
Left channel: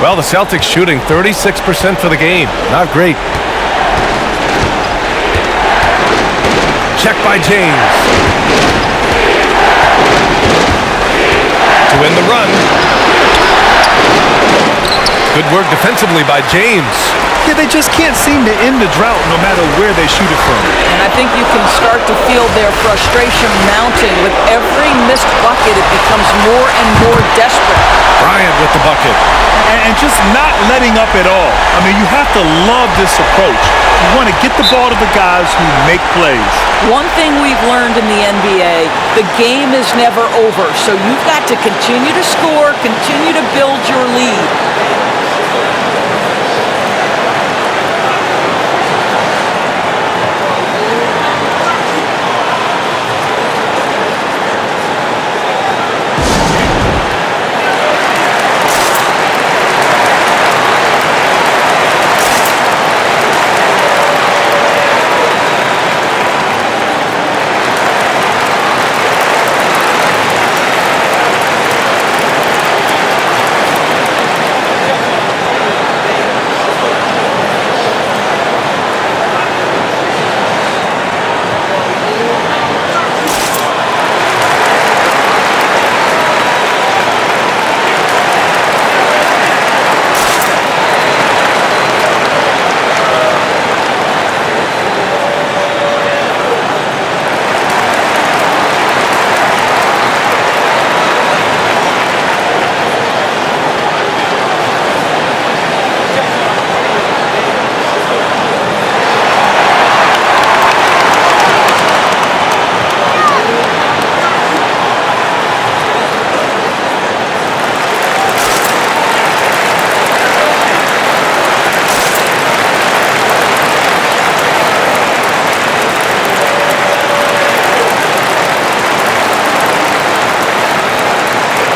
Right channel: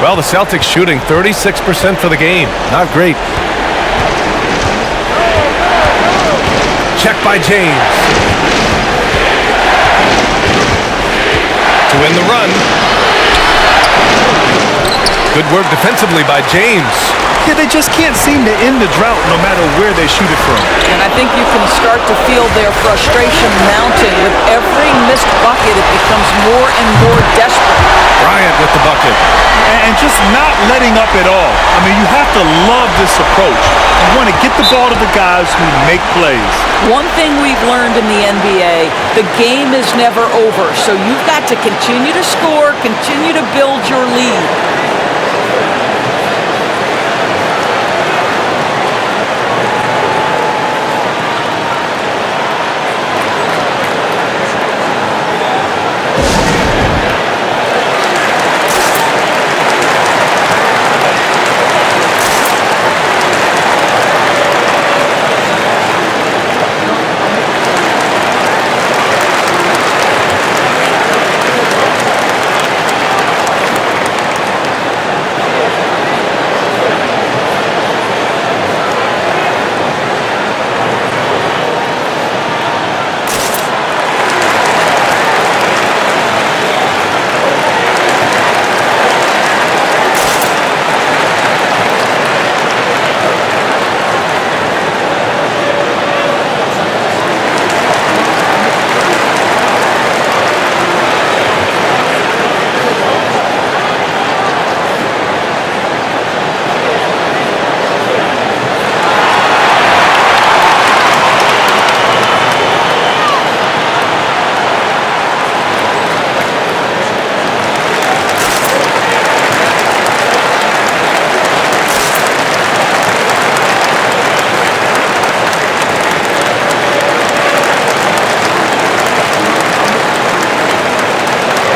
Well, the Celtics shooting 36% for the game. Not great. Check by James. To win the run. Good work defensively by James. Yeah, they just can't seem to end the drought no matter where they shoot it from. And I think you can start to feel their frustration mounting. With every missed bucket, it becomes more and more desperate. Bryant with the bucket. And just not letting up at all. I mean, you have to love this approach. You want to get the ball to the guys who make plays. One thing we've learned in the NBA, the game is never over. So you've got to continue to score, continue to build your lead.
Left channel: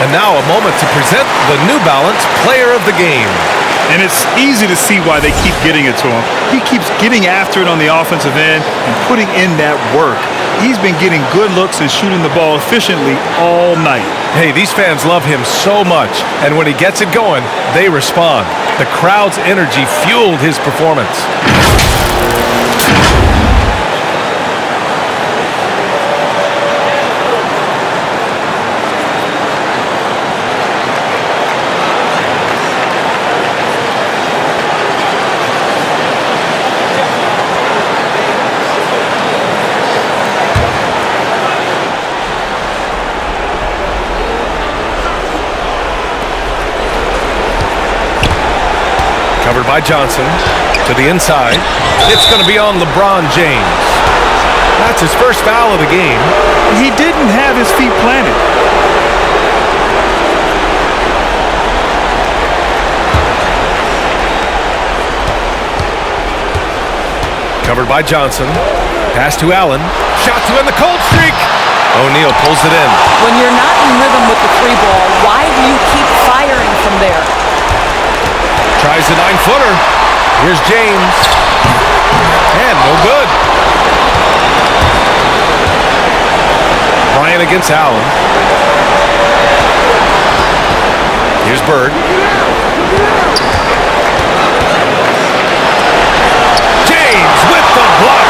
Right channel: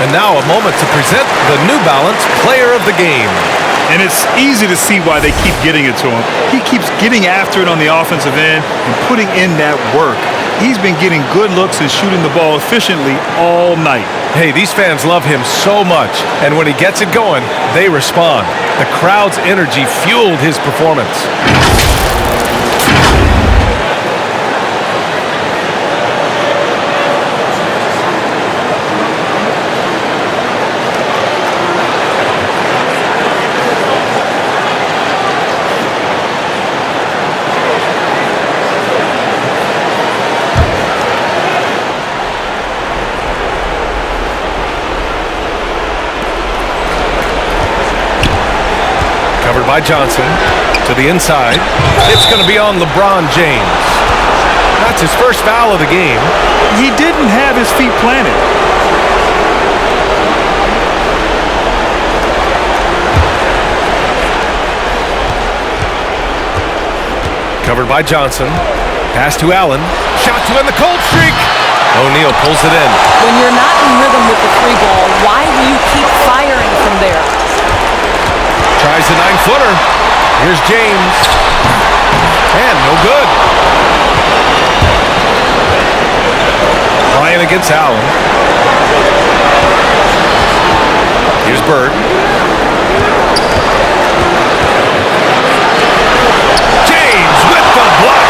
And now a moment to present the New Balance Player of the Game. And it's easy to see why they keep getting it to him. He keeps getting after it on the offensive end and putting in that work. He's been getting good looks and shooting the ball efficiently all night. Hey, these fans love him so much, and when he gets it going, they respond. The crowd's energy fueled his performance. Covered by Johnson to the inside. It's going to be on LeBron James. That's his first foul of the game. He didn't have his feet planted. Covered by Johnson. Pass to Allen. Shot to end the cold streak. O'Neal pulls it in. When you're not in rhythm with the 3-ball, why do you keep firing from there? Tries the 9-footer. Here's James. And no good. Bryant against Allen. Here's Bird. James with the block.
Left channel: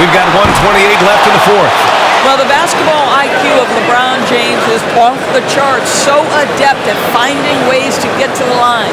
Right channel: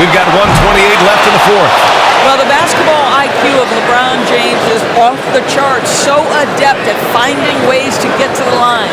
We've got 1:28 left in the fourth. Well, the basketball IQ of LeBron James is off the charts. So adept at finding ways to get to the line.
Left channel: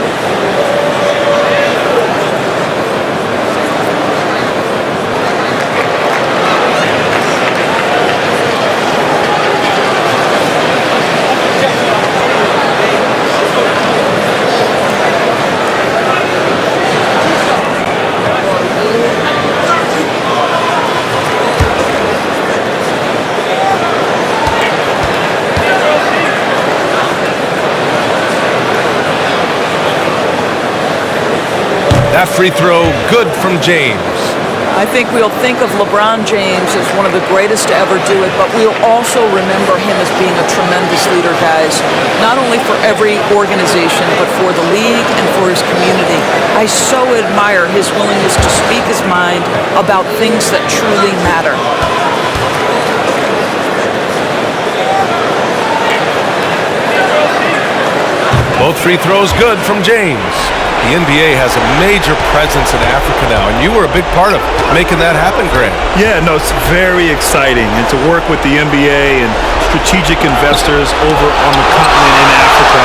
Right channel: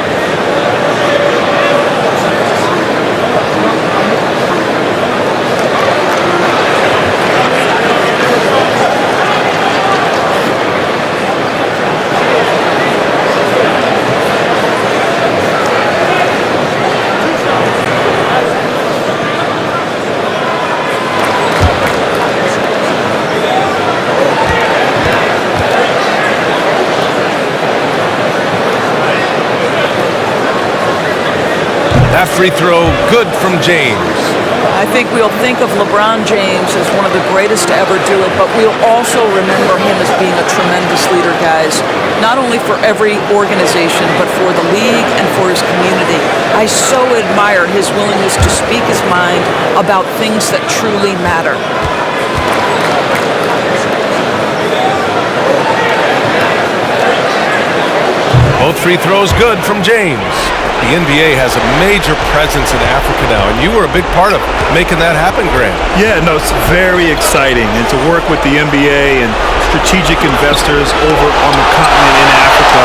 That free throw, good from James. I think we'll think of LeBron James as one of the greatest to ever do it, but we'll also remember him as being a tremendous leader, guys. Not only for every organization, but for the league and for his community. I so admire his willingness to speak his mind about things that truly matter. Both free throws good from James. The NBA has a major presence in Africa now, and you were a big part of making that happen, Grant. Yeah, no, it's very exciting. And to work with the NBA and strategic investors over on the continent in Africa,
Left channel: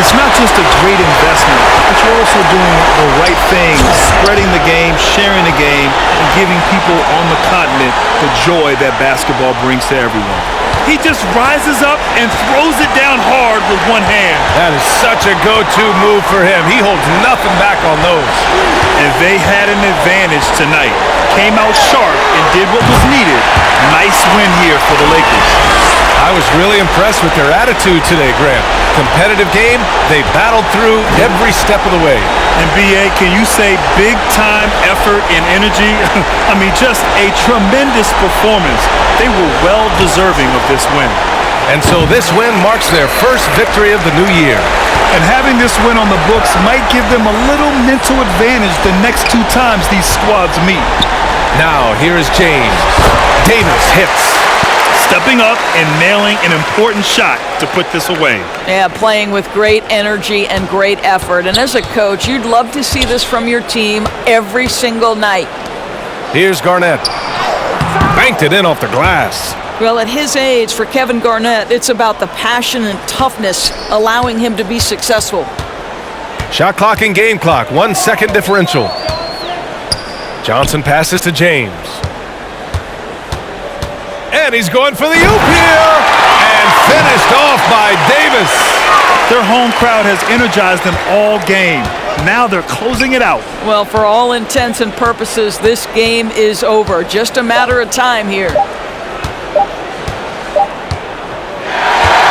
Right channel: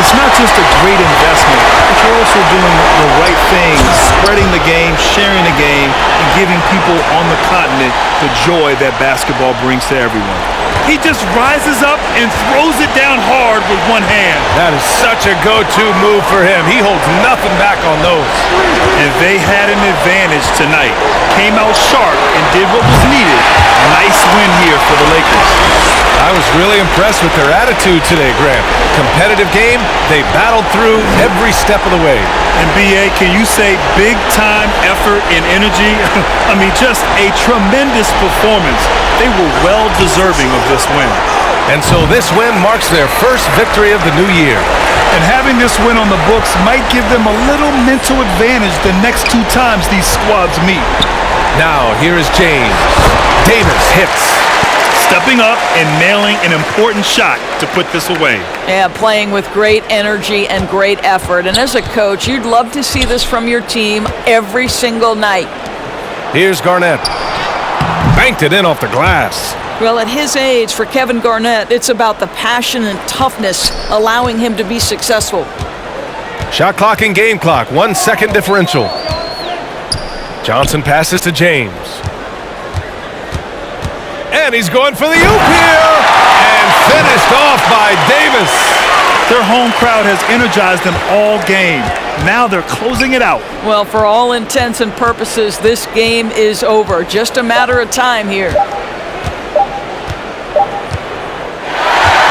it's not just a great investment, but you're also doing the right thing, spreading the game, sharing the game, and giving people on the continent the joy that basketball brings to everyone. He just rises up and throws it down hard with one hand. That is such a go-to move for him. He holds nothing back on those. And they had an advantage tonight. Came out sharp and did what was needed. Nice win here for the Lakers. I was really impressed with their attitude today, Grant. Competitive game, they battled through every step of the way. And B.A., can you say big-time effort and energy? I mean, just a tremendous performance. They were well deserving of this win. And so this win marks their first victory of the new year. And having this win on the books might give them a little mental advantage the next two times these squads meet. Now, here is James. Davis hits. Stepping up and nailing an important shot to put this away. Yeah, playing with great energy and great effort. And as a coach, you'd love to see this from your team every single night. Here's Garnett. Banked it in off the glass. Well, at his age, for Kevin Garnett, it's about the passion and toughness allowing him to be successful. Shot clock and game clock, 1 second differential. Johnson passes to James. And he's going for the oop here. And finished off by Davis. Their home crowd has energized them all game. Now they're closing it out. Well, for all intents and purposes, this game is over. Just a matter of time here.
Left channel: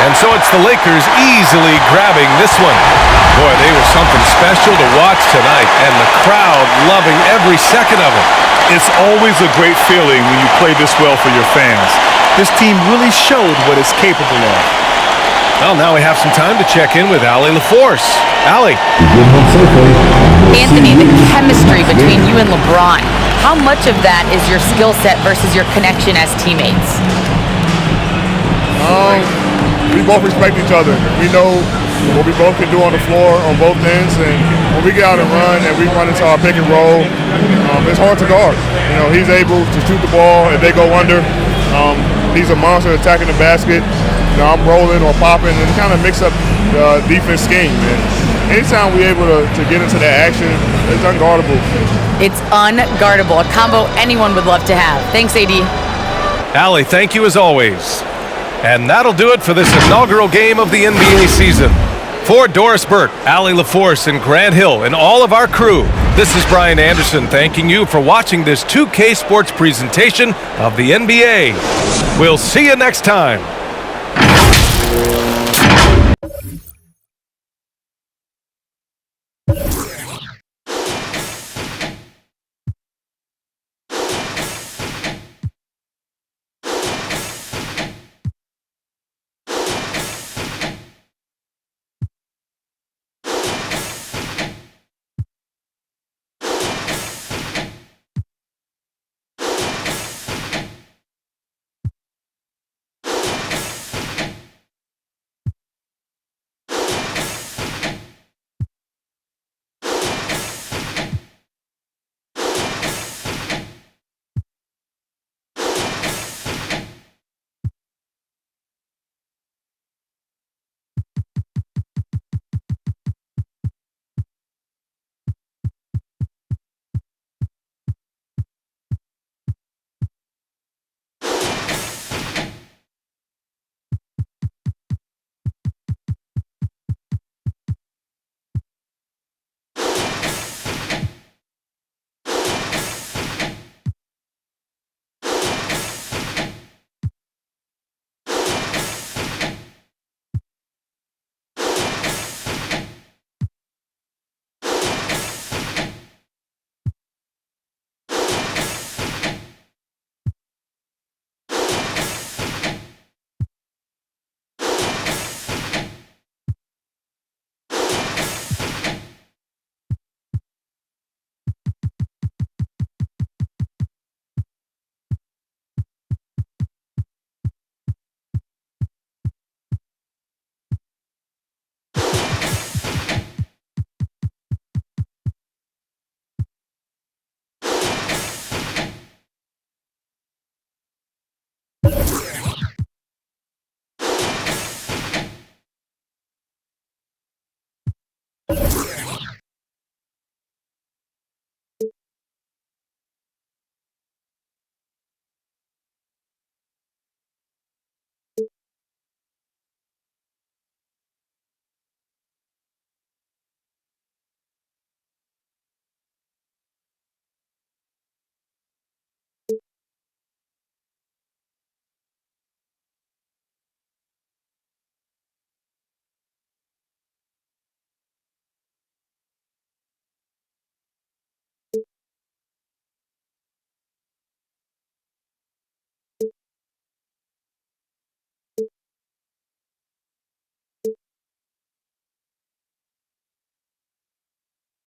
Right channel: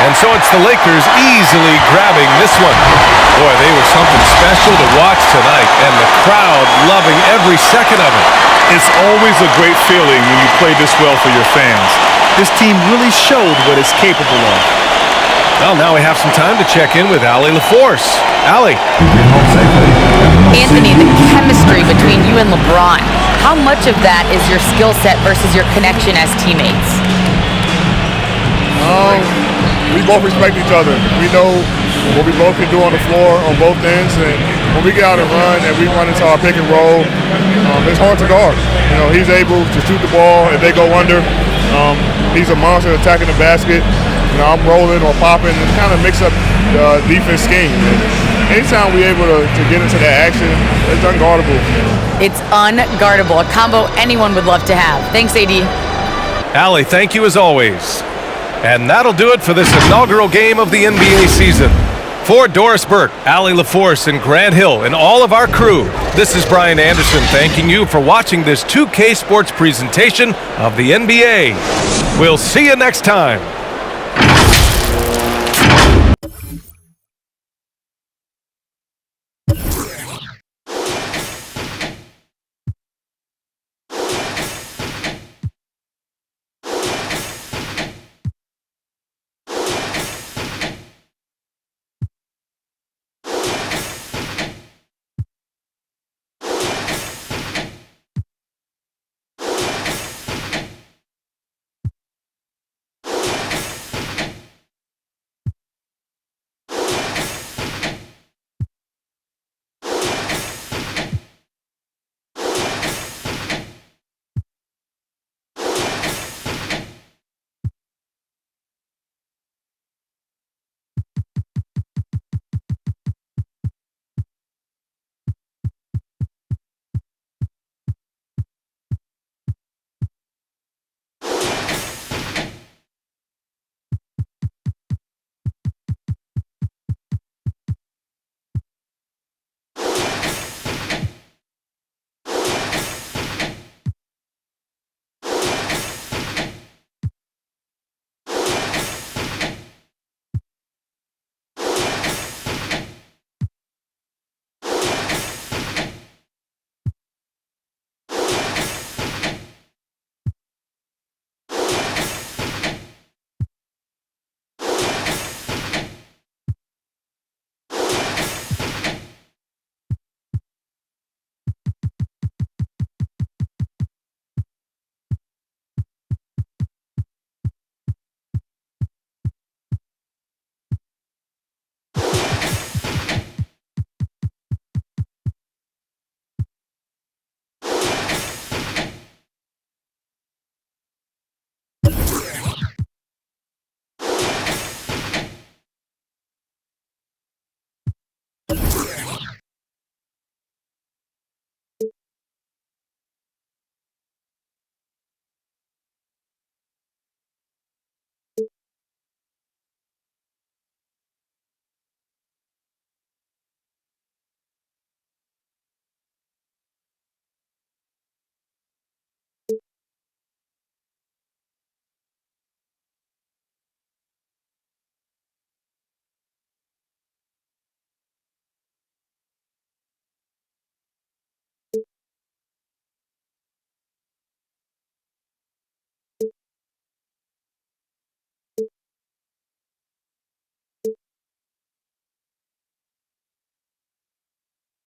And so it's the Lakers easily grabbing this one. Boy, they were something special to watch tonight, and the crowd loving every second of it. It's always a great feeling when you play this well for your fans. This team really showed what it's capable of. Well, now we have some time to check in with Allie LaForce. Allie. Anthony, the chemistry between you and LeBron, how much of that is your skill set versus your connection as teammates? We both respect each other. We know what we both can do on the floor on both ends, and when we get out and run and we run into our pick and roll, it's hard to guard. You know, he's able to shoot the ball if they go under. He's a monster attacking the basket. You know, I'm rolling or popping and kind of mix up the defense scheme. And anytime we're able to get into that action, it's unguardable. It's unguardable, a combo anyone would love to have. Thanks, AD. Allie, thank you as always. And that'll do it for this inaugural game of the NBA season. For Doris Burke, Allie LaForce, and Grant Hill, and all of our crew, this is Brian Anderson thanking you for watching this 2K Sports presentation of the NBA. We'll see you next time.